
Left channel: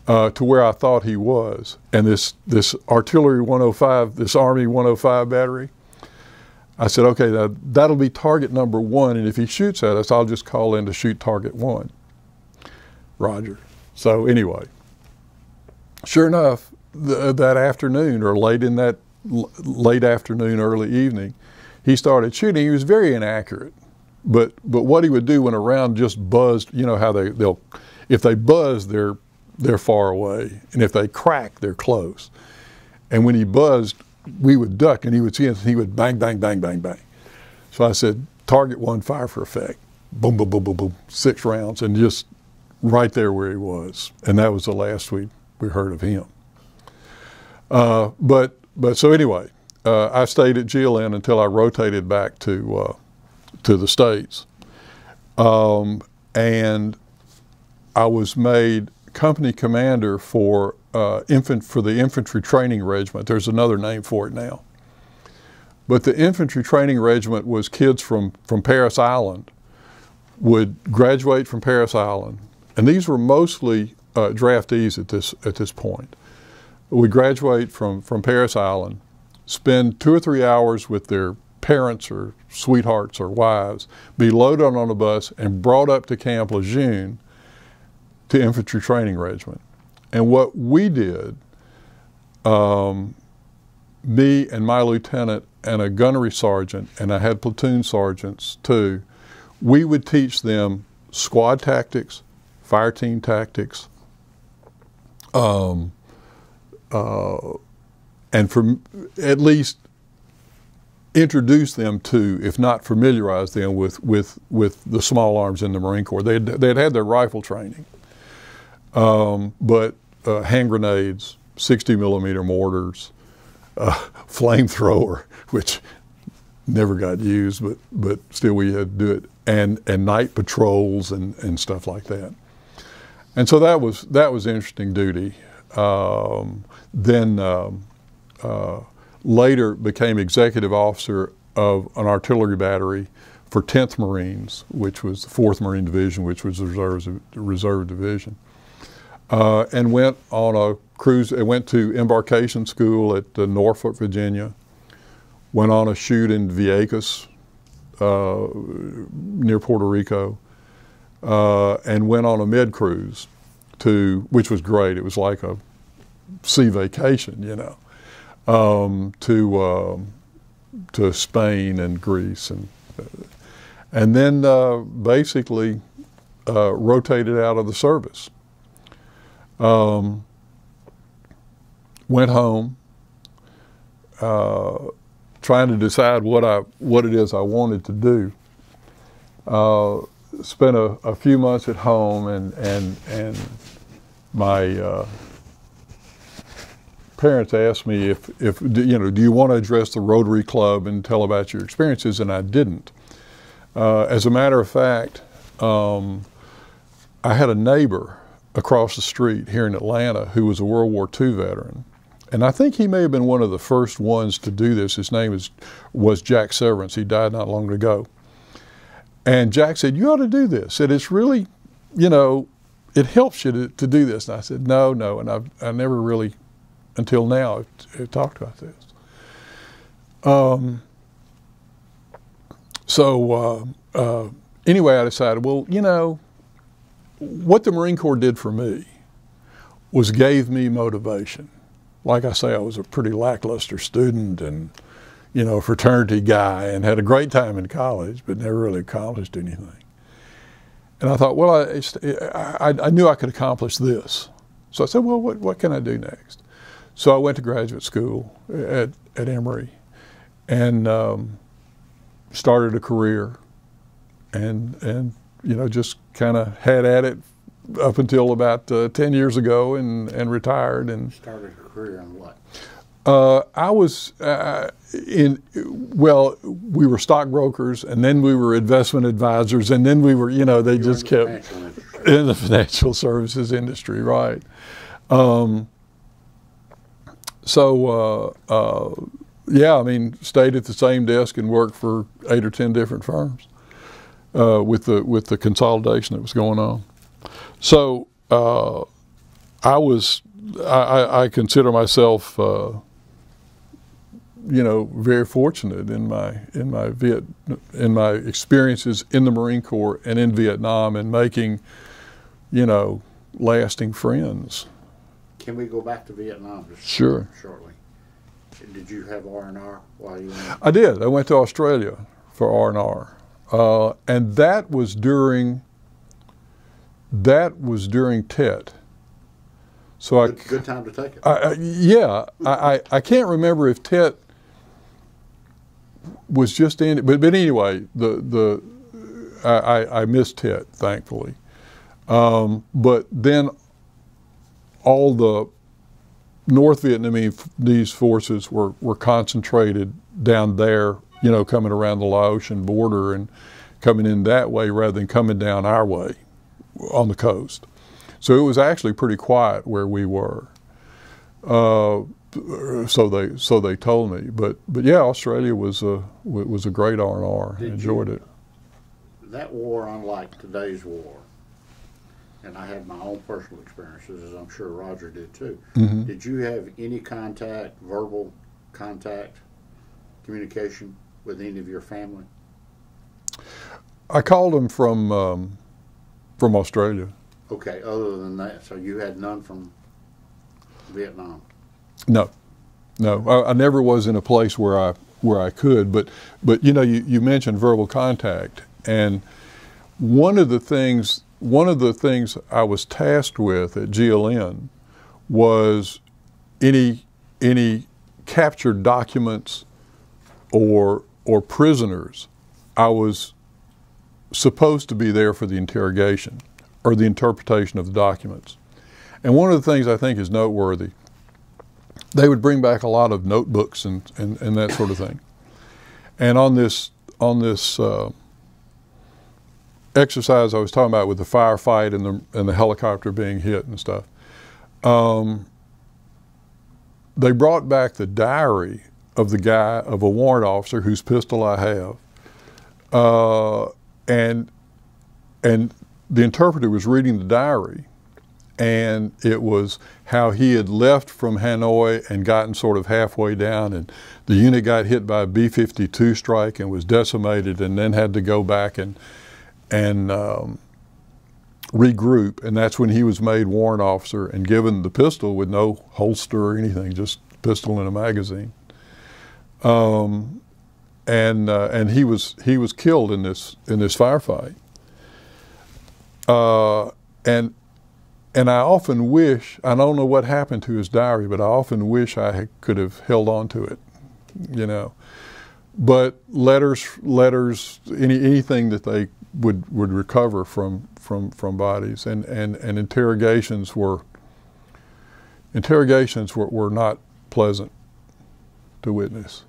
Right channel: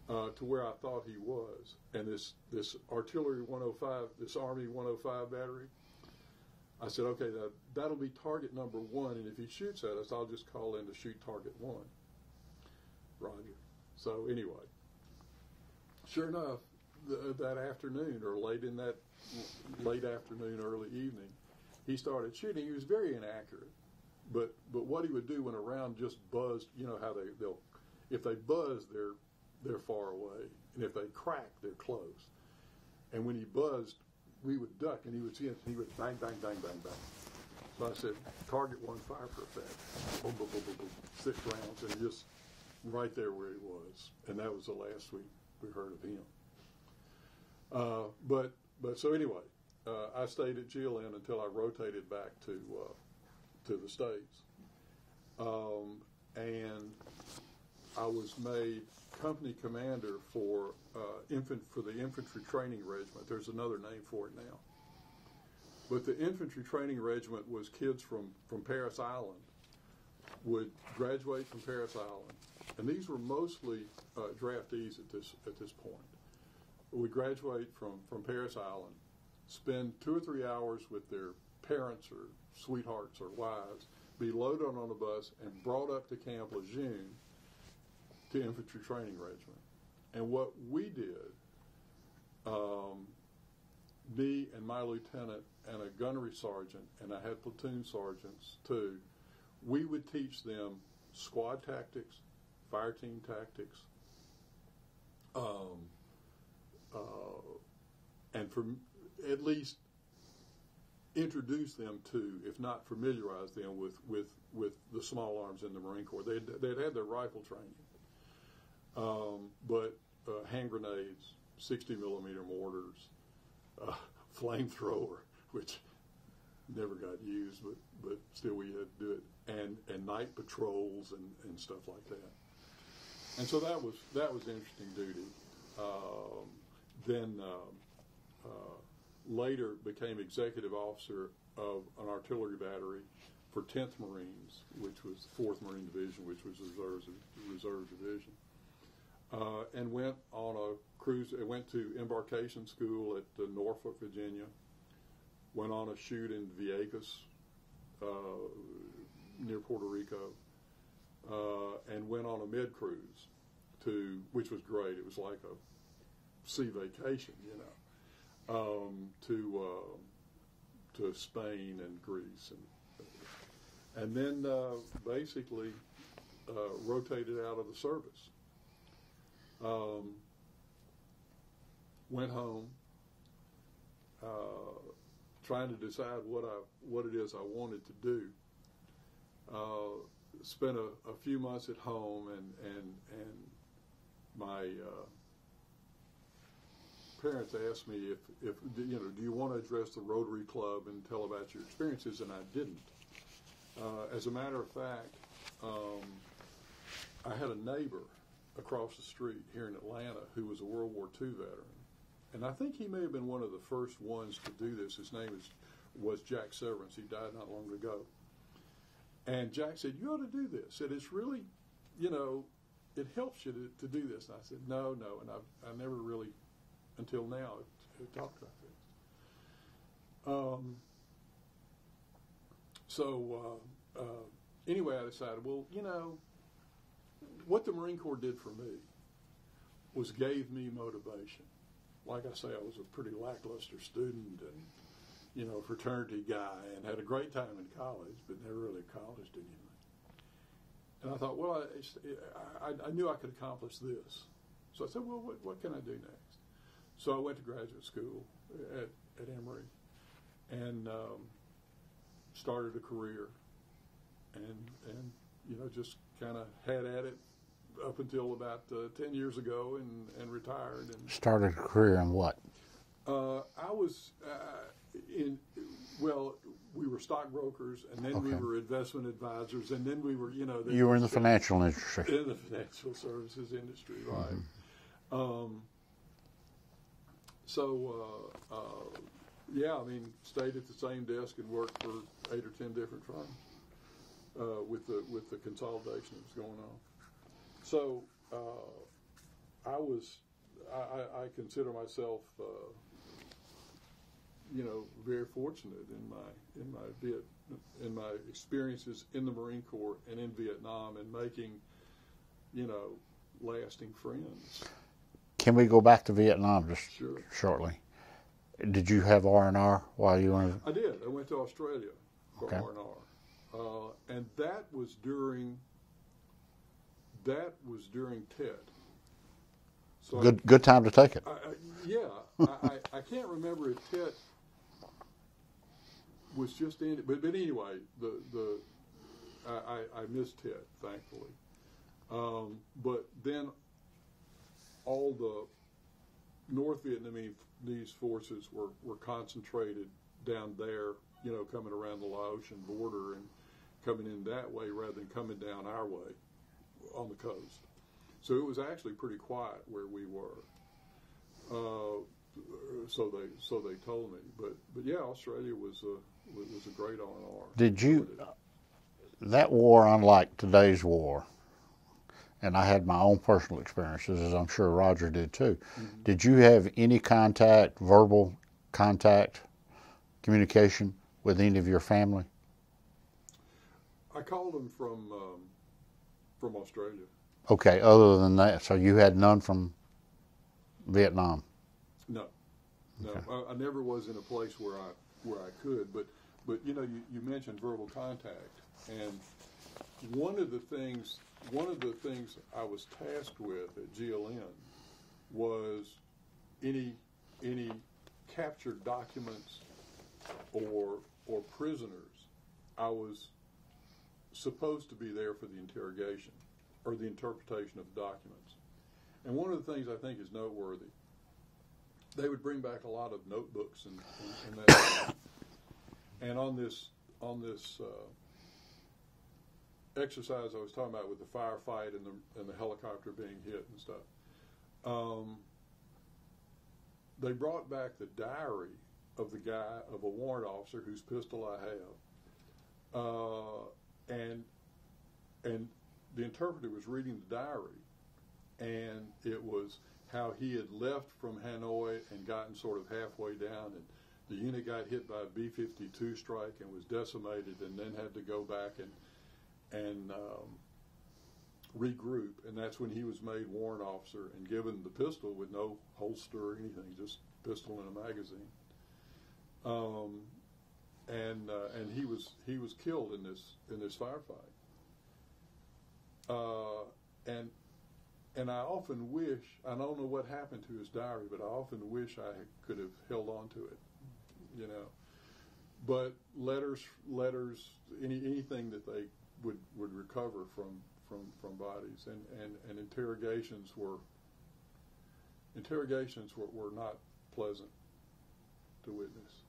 to where I thought he was. And this artillery 105, this Army 105 battery, I said, okay, that'll be target number 1, and if he shoots at us, I'll just call in to shoot target 1. Roger. So anyway, sure enough, that afternoon, or late in that late afternoon, early evening, he started shooting. He was very inaccurate, but what he would do when a round just buzzed, you know how they'll if they buzz, they're far away, and if they crack, they're close. And when he buzzed, we would duck, and he would see us, and he would bang, bang, bang, bang, bang. So I said, target 1, fire for effect. Boom, boom, boom, boom, boom, 6 rounds, and just right there where he was. And that was the last we heard of him. But so anyway, I stayed at GLN until I rotated back to the States. And I was made company commander for the Infantry Training Regiment. There's another name for it now. But the Infantry Training Regiment was kids from Parris Island, would graduate from Parris Island, and these were mostly draftees at this point. Would graduate from Parris Island, spend 2 or 3 hours with their parents or sweethearts or wives, be loaded on a bus and brought up to Camp Lejeune to Infantry Training Regiment. And what we did, me and my lieutenant and a gunnery sergeant, and I had platoon sergeants too, we would teach them squad tactics, fire team tactics, and for at least introduce them to, if not familiarize them with the small arms in the Marine Corps. They'd had their rifle training, but hand grenades, 60mm mortars, flamethrower, which never got used, but still we had to do it, and night patrols and stuff like that. And so that was interesting duty. Then later became executive officer of an artillery battery for 10th Marines, which was the 4th Marine Division, which was the reserve division. And went on a cruise, went to embarkation school at Norfolk, Virginia, went on a shoot in Vieques, near Puerto Rico, and went on a med cruise which was great. It was like a sea vacation, you know, to Spain and Greece, and then basically rotated out of the service. Went home trying to decide what it is I wanted to do. Spent a few months at home, and my parents asked me if do you want to address the Rotary Club and tell about your experiences, and I didn't. As a matter of fact, I had a neighbor across the street here in Atlanta who was a World War II veteran. And I think he may have been one of the first ones to do this. His name was Jack Severance. He died not long ago. And Jack said, you ought to do this. Said, it's really, it helps you to do this. And I said, no. And I never really, until now, have talked about this. Anyway, I decided, well, what the Marine Corps did for me was gave me motivation. Like I say, I was a pretty lackluster student and, a fraternity guy, and had a great time in college, but never really accomplished anything. And I thought, well, I knew I could accomplish this. So I said, well, what can I do next? So I went to graduate school at Emory and started a career and just kind of had at it up until about 10 years ago and retired. And started a career in what? I was we were stockbrokers, and then we were investment advisors, and then we were, they you just were in the kept financial industry. in the financial services industry, right? Stayed at the same desk and worked for 8 or 10 different firms with the consolidation that was going on. So I consider myself, very fortunate in my experiences in the Marine Corps and in Vietnam, and making, lasting friends. Can we go back to Vietnam just Sure. shortly? Did you have R&R while you were in? I did. I went to Australia for R&R, and that was during Tet. So Good time to take it. I can't remember if Tet was just in it, but anyway, I missed Tet, thankfully. But then all the North Vietnamese forces were concentrated down there, coming around the Laotian border and coming in that way rather than coming down our way on the coast. So it was actually pretty quiet where we were. So they told me, but yeah, Australia was a great R&R. Enjoyed it. That war, unlike today's war, and I had my own personal experiences, as I'm sure Roger did too. Mm-hmm. Did you have any contact, verbal contact, communication with any of your family? I called them from Australia. Okay, other than that, so you had none from Vietnam? No. I never was in a place where I could, but you mentioned verbal contact, and one of the things I was tasked with at GLN was any captured documents or prisoners. I was supposed to be there for the interrogation or the interpretation of the documents. And one of the things I think is noteworthy, they would bring back a lot of notebooks and that sort of thing. And on this exercise I was talking about with the firefight and the helicopter being hit and stuff, they brought back the diary of a warrant officer whose pistol I have, and the interpreter was reading the diary, and it was how he had left from Hanoi and gotten sort of halfway down, and the unit got hit by a B-52 strike and was decimated, and then had to go back and regroup, and that's when he was made warrant officer and given the pistol with no holster or anything, just pistol in a magazine. And he was killed in this firefight. And I often wish, I don't know what happened to his diary, but I often wish I could have held on to it, but letters, anything that they would recover from bodies, and interrogations were not pleasant to witness,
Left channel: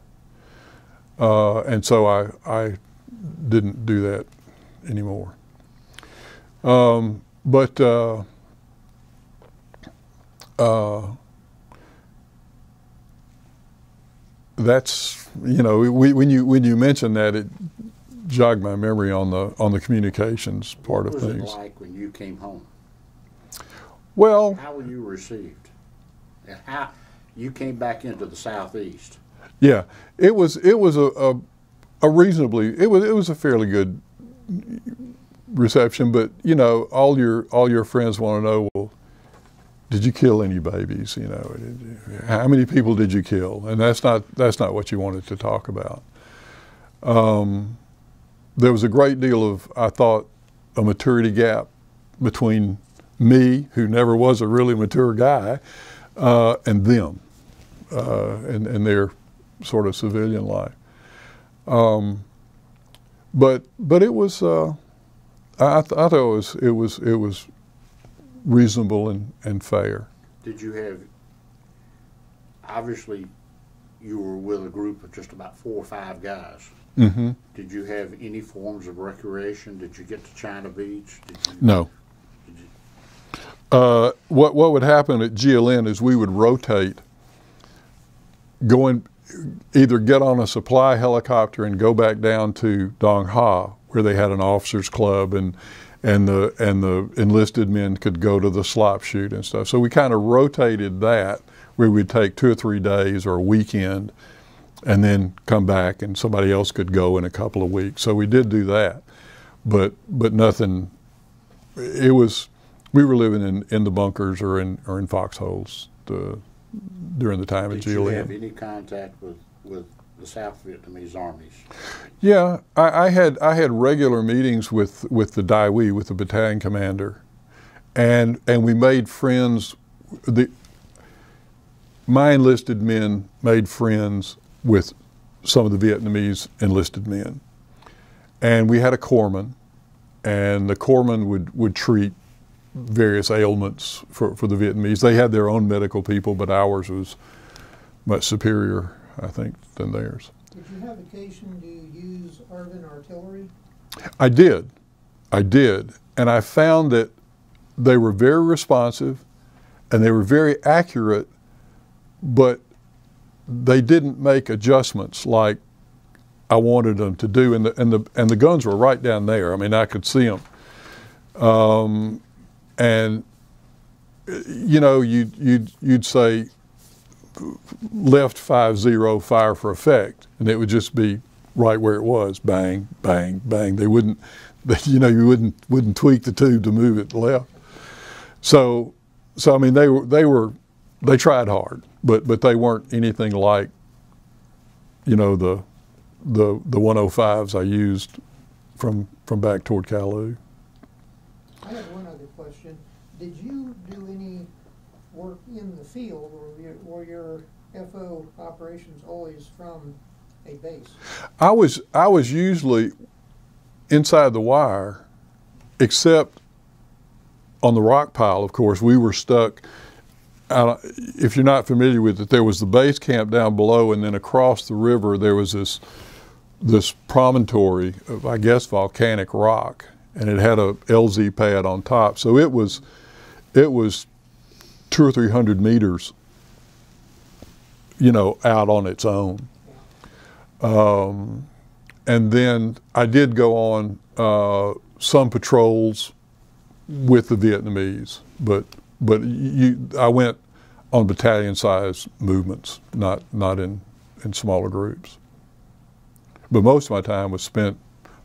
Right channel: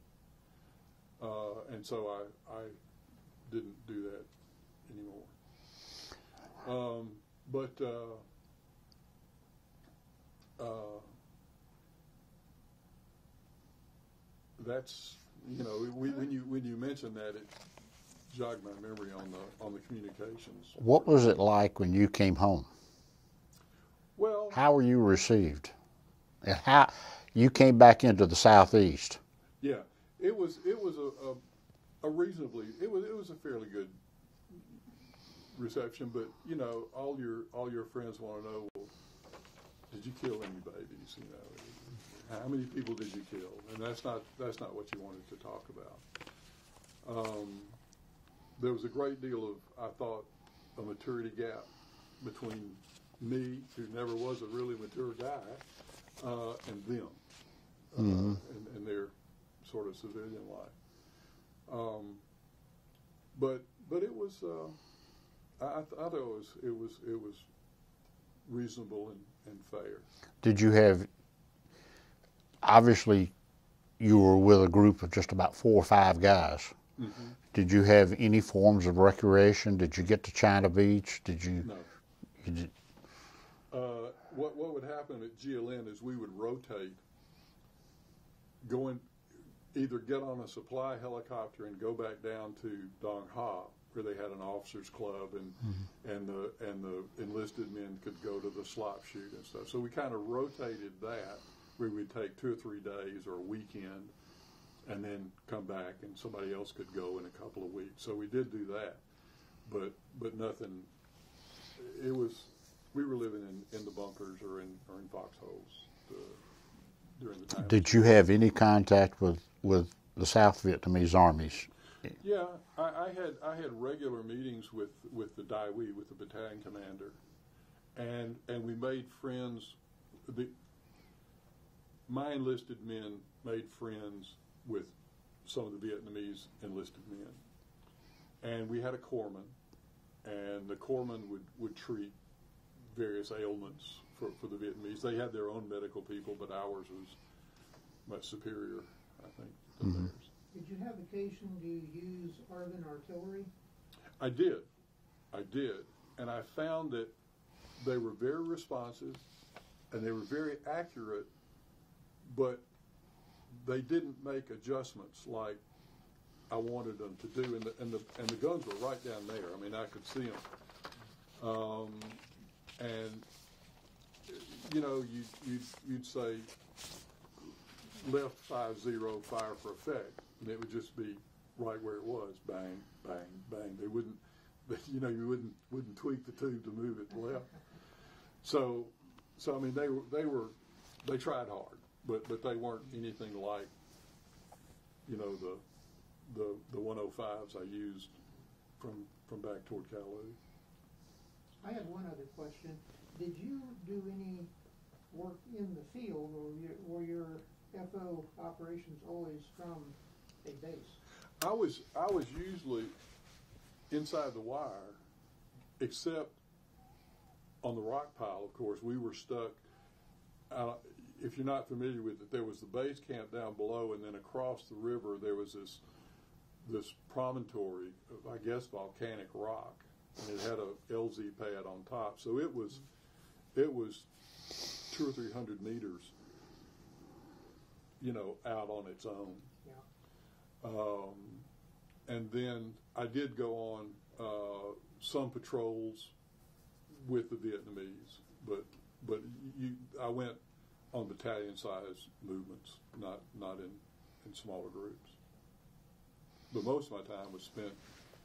and so I didn't do that anymore. That's, you know, when you mentioned that, it jogged my memory on the communications part of things. What was it like when you came home? Well, how were you received? And how you came back into the Southeast? Yeah, it was a reasonably, it was a fairly good reception, but you know, all your friends want to know, well, did you kill any babies? You know, how many people did you kill? And that's not what you wanted to talk about. There was a great deal of, I thought, a maturity gap between me, who never was a really mature guy, and them, and their sort of civilian life. But it was, I thought it was reasonable and fair. Did you have, obviously you were with a group of just about 4 or 5 guys. Mm-hmm. Did you have any forms of recreation? Did you get to China Beach? Did you? No. Did you? What would happen at GLN is we would rotate, either get on a supply helicopter and go back down to Dong Ha, where they had an officers club, and the enlisted men could go to the slop shoot and stuff. So we kind of rotated that, where we'd take 2 or 3 days or a weekend, and then come back, and somebody else could go in a couple of weeks. So we did do that, but nothing. It was, we were living in the bunkers or in foxholes during the time. Did you have any contact with the South Vietnamese armies? Yeah, I had regular meetings with the Dai Huy, with the battalion commander, and we made friends. My enlisted men made friends with some of the Vietnamese enlisted men, and we had a corpsman, and the corpsman would treat various ailments for the Vietnamese. They had their own medical people, but ours was much superior, I think, than theirs. Did you have occasion to use ARVN artillery? I did, and I found that they were very responsive, and they were very accurate, but they didn't make adjustments like I wanted them to do, and the guns were right down there. I mean, I could see them, and you know, you'd say left 5-0, fire for effect, and it would just be right where it was, bang, bang, bang. They wouldn't, you know, you wouldn't tweak the tube to move it left. So I mean, they tried hard, but they weren't anything like, you know, the 105s I used from back toward Kalu. I have one other question. Did you do any work in the field, or were your FO operations always from a base? I was usually inside the wire, except on the Rockpile, of course. We were stuck. If you're not familiar with it, there was the base camp down below, and then across the river there was this promontory of, I guess, volcanic rock, and it had a LZ pad on top. So it was 200 or 300 meters, you know, out on its own. And then I did go on some patrols with the Vietnamese, but I went on battalion-sized movements, not in smaller groups. But most of my time was spent,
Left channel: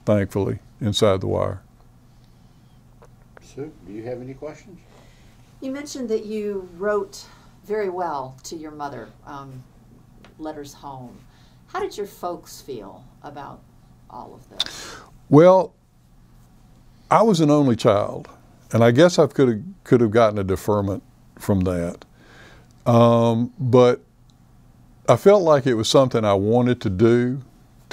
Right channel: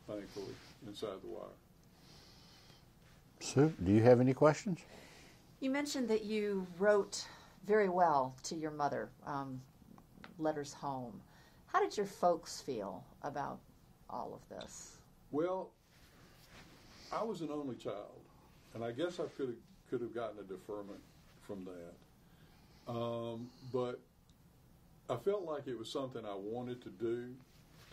thankfully, inside the wire. Sue, do you have any questions? You mentioned that you wrote very well to your mother, letters home. How did your folks feel about all of this? Well, I was an only child, and I guess I could have gotten a deferment from that. But I felt like it was something I wanted to do,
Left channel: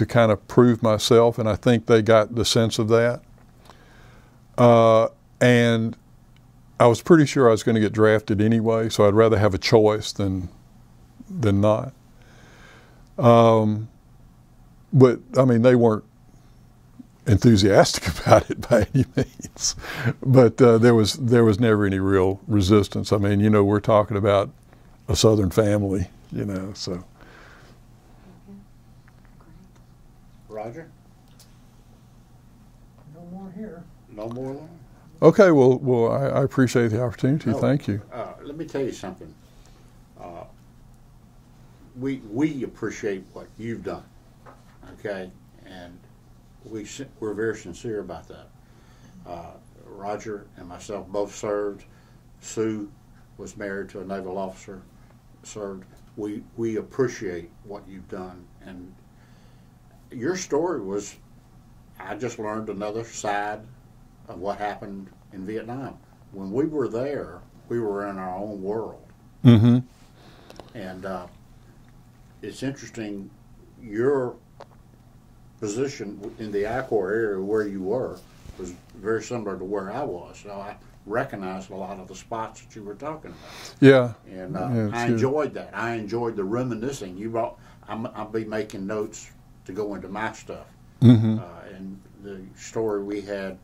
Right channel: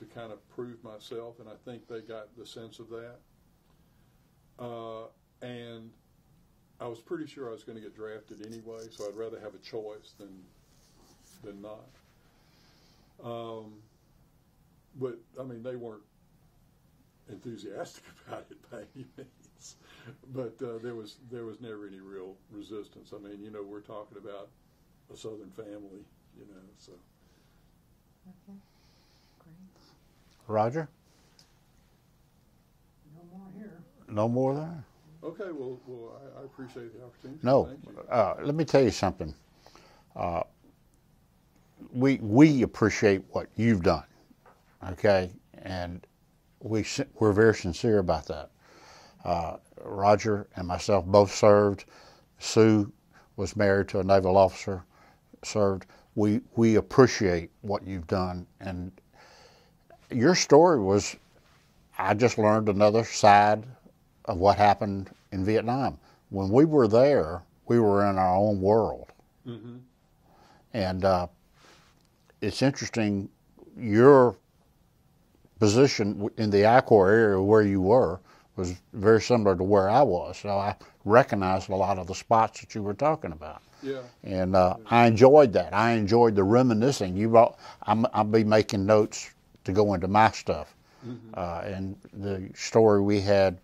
kind of prove myself, and I think they got the sense of that. And I was pretty sure I was going to get drafted anyway, so I'd rather have a choice than not. But I mean, they weren't enthusiastic about it by any means. But there was never any real resistance. I mean, you know, we're talking about a Southern family, you know, so. Roger? No more here. No more there? Okay, well, I appreciate the opportunity. No. Thank you. Let me tell you something. We appreciate what you've done, okay? And we're very sincere about that. Roger and myself both served. Sue was married to a naval officer, served. We appreciate what you've done. And your story was, I just learned another side of what happened in Vietnam. When we were there, we were in our own world. Mm-hmm. And it's interesting, your position in the I-Corps area where you were was very similar to where I was. So I recognized a lot of the spots that you were talking about. Yeah. And Yeah, I sure. enjoyed that. I enjoyed the reminiscing. I'll be making notes to go into my stuff. Mm-hmm. And the story we had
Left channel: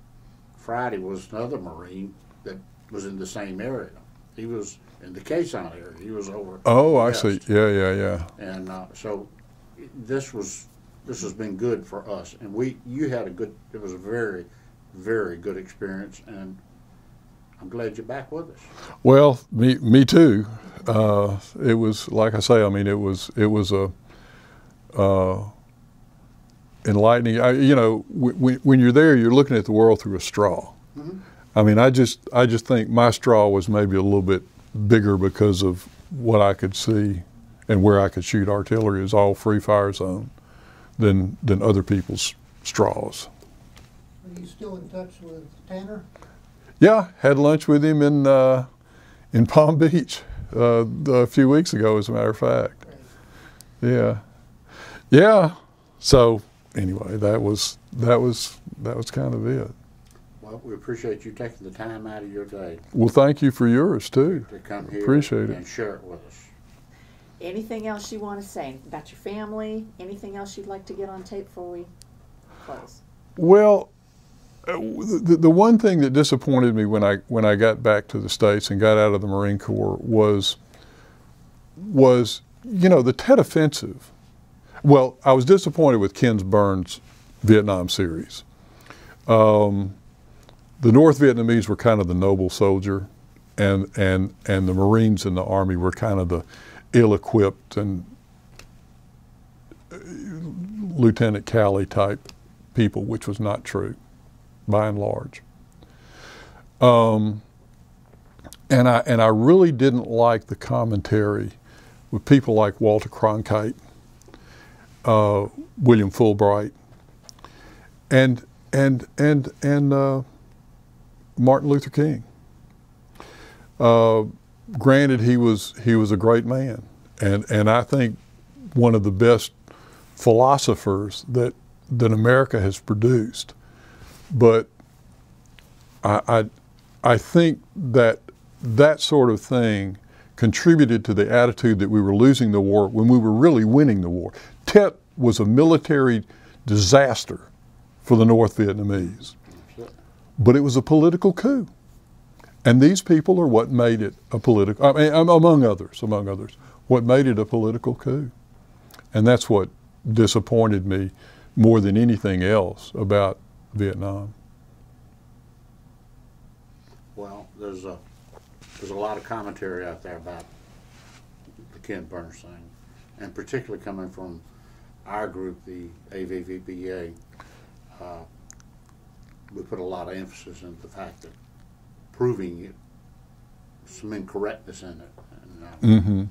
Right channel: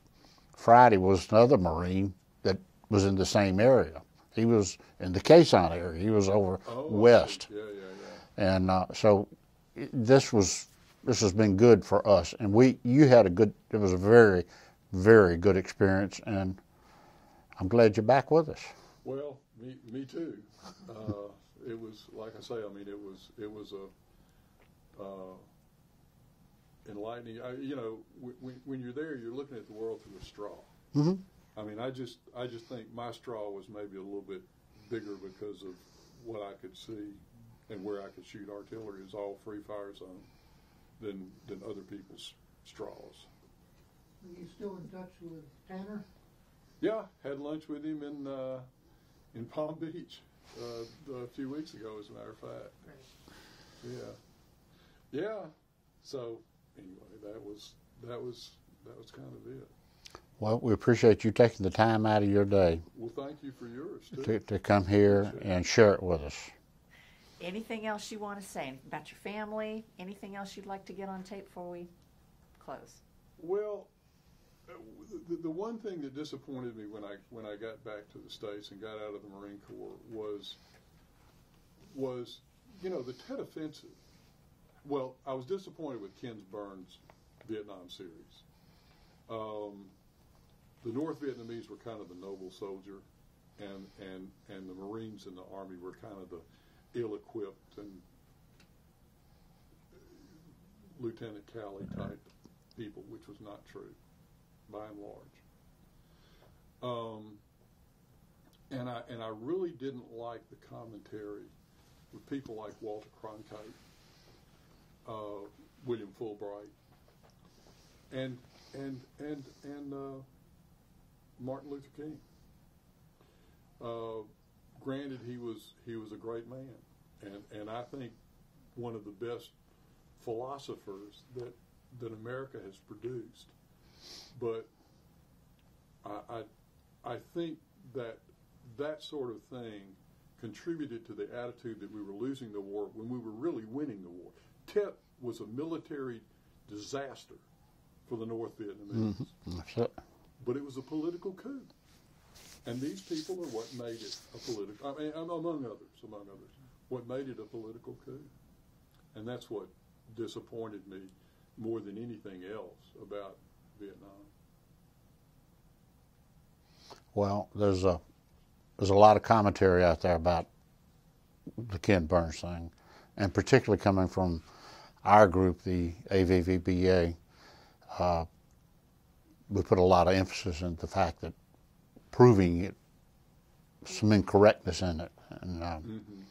Friday was another Marine that was in the same area. He was in the Quezon area. He was over Oh, west. I see. Yeah. And so this has been good for us. And you had it was a very, very good experience. And I'm glad you're back with us. Well, me too. It was, like I say, I mean, it was a enlightening. You know, when you're there, you're looking at the world through a straw. Mm-hmm. I mean, I just think my straw was maybe a little bit bigger because of what I could see and where I could shoot artillery is all free fire zone than other people's straws. Are you still in touch with Tanner? Yeah, had lunch with him in Palm Beach a few weeks ago, as a matter of fact. Yeah. So anyway, that was kind of it. Well, we appreciate you taking the time out of your day Well, thank you for yours too. to come here Appreciate it. and share it with us. Anything else you want to say about your family? Anything else you'd like to get on tape before we close? Well, the one thing that disappointed me when I got back to the States and got out of the Marine Corps was you know, the Tet Offensive. Well, I was disappointed with Ken Burns' Vietnam series. The North Vietnamese were kind of the noble soldier, and the Marines in the Army were kind of the ill-equipped and Lieutenant Calley type people, which was not true, by and large. And I really didn't like the commentary with people like Walter Cronkite, William Fulbright, and Martin Luther King. Granted, he was a great man, and I think one of the best philosophers that America has produced. But I think that sort of thing contributed to the attitude that we were losing the war when we were really winning the war. Tet was a military disaster for the North Vietnamese, but it was a political coup. And these people are what made it a political, I mean, among others, what made it a political coup. And that's what disappointed me more than anything else about Vietnam. Well, there's a lot of commentary out there about the Ken Burns thing, and particularly coming from our group, the AVVBA. We put a lot of emphasis in the fact that proving it, some incorrectness in it. And,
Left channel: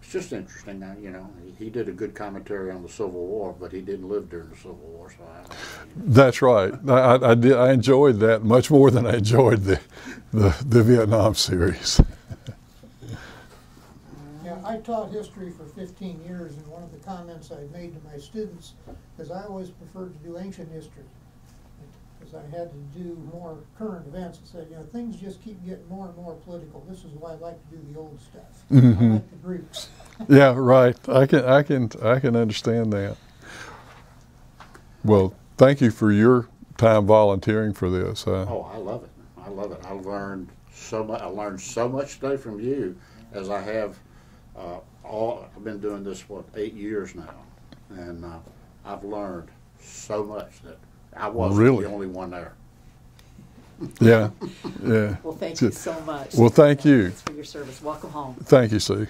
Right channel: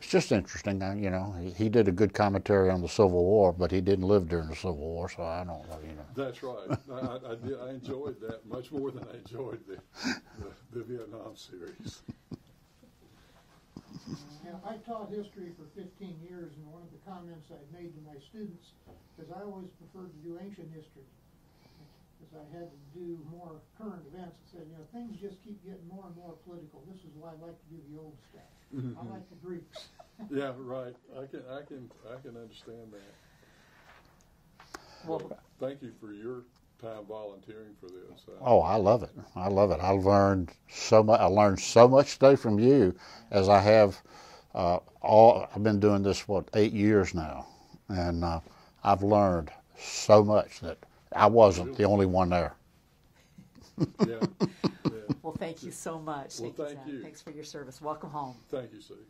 it's just interesting. You know, he did a good commentary on the Civil War, but he didn't live during the Civil War, so I don't know. You know. That's right. I enjoyed that much more than I enjoyed the Vietnam series. Yeah, I taught history for 15 years, and one of the comments I made to my students is I always preferred to do ancient history, because I had to do more current events. I said, you know, things just keep getting more and more political. This is why I like to do the old stuff. I like the Greeks. Yeah, right. I can understand that. Well, thank you for your time volunteering for this. Oh, I love it. I love it. I've learned so much. I learned so much today from you, as I have I've been doing this 8 years now, and I've learned so much that I wasn't Really? the only one there. Yeah, yeah. Well, thank you so much. Well, thank you. Thanks for your service. Welcome home. Thank you, Sue.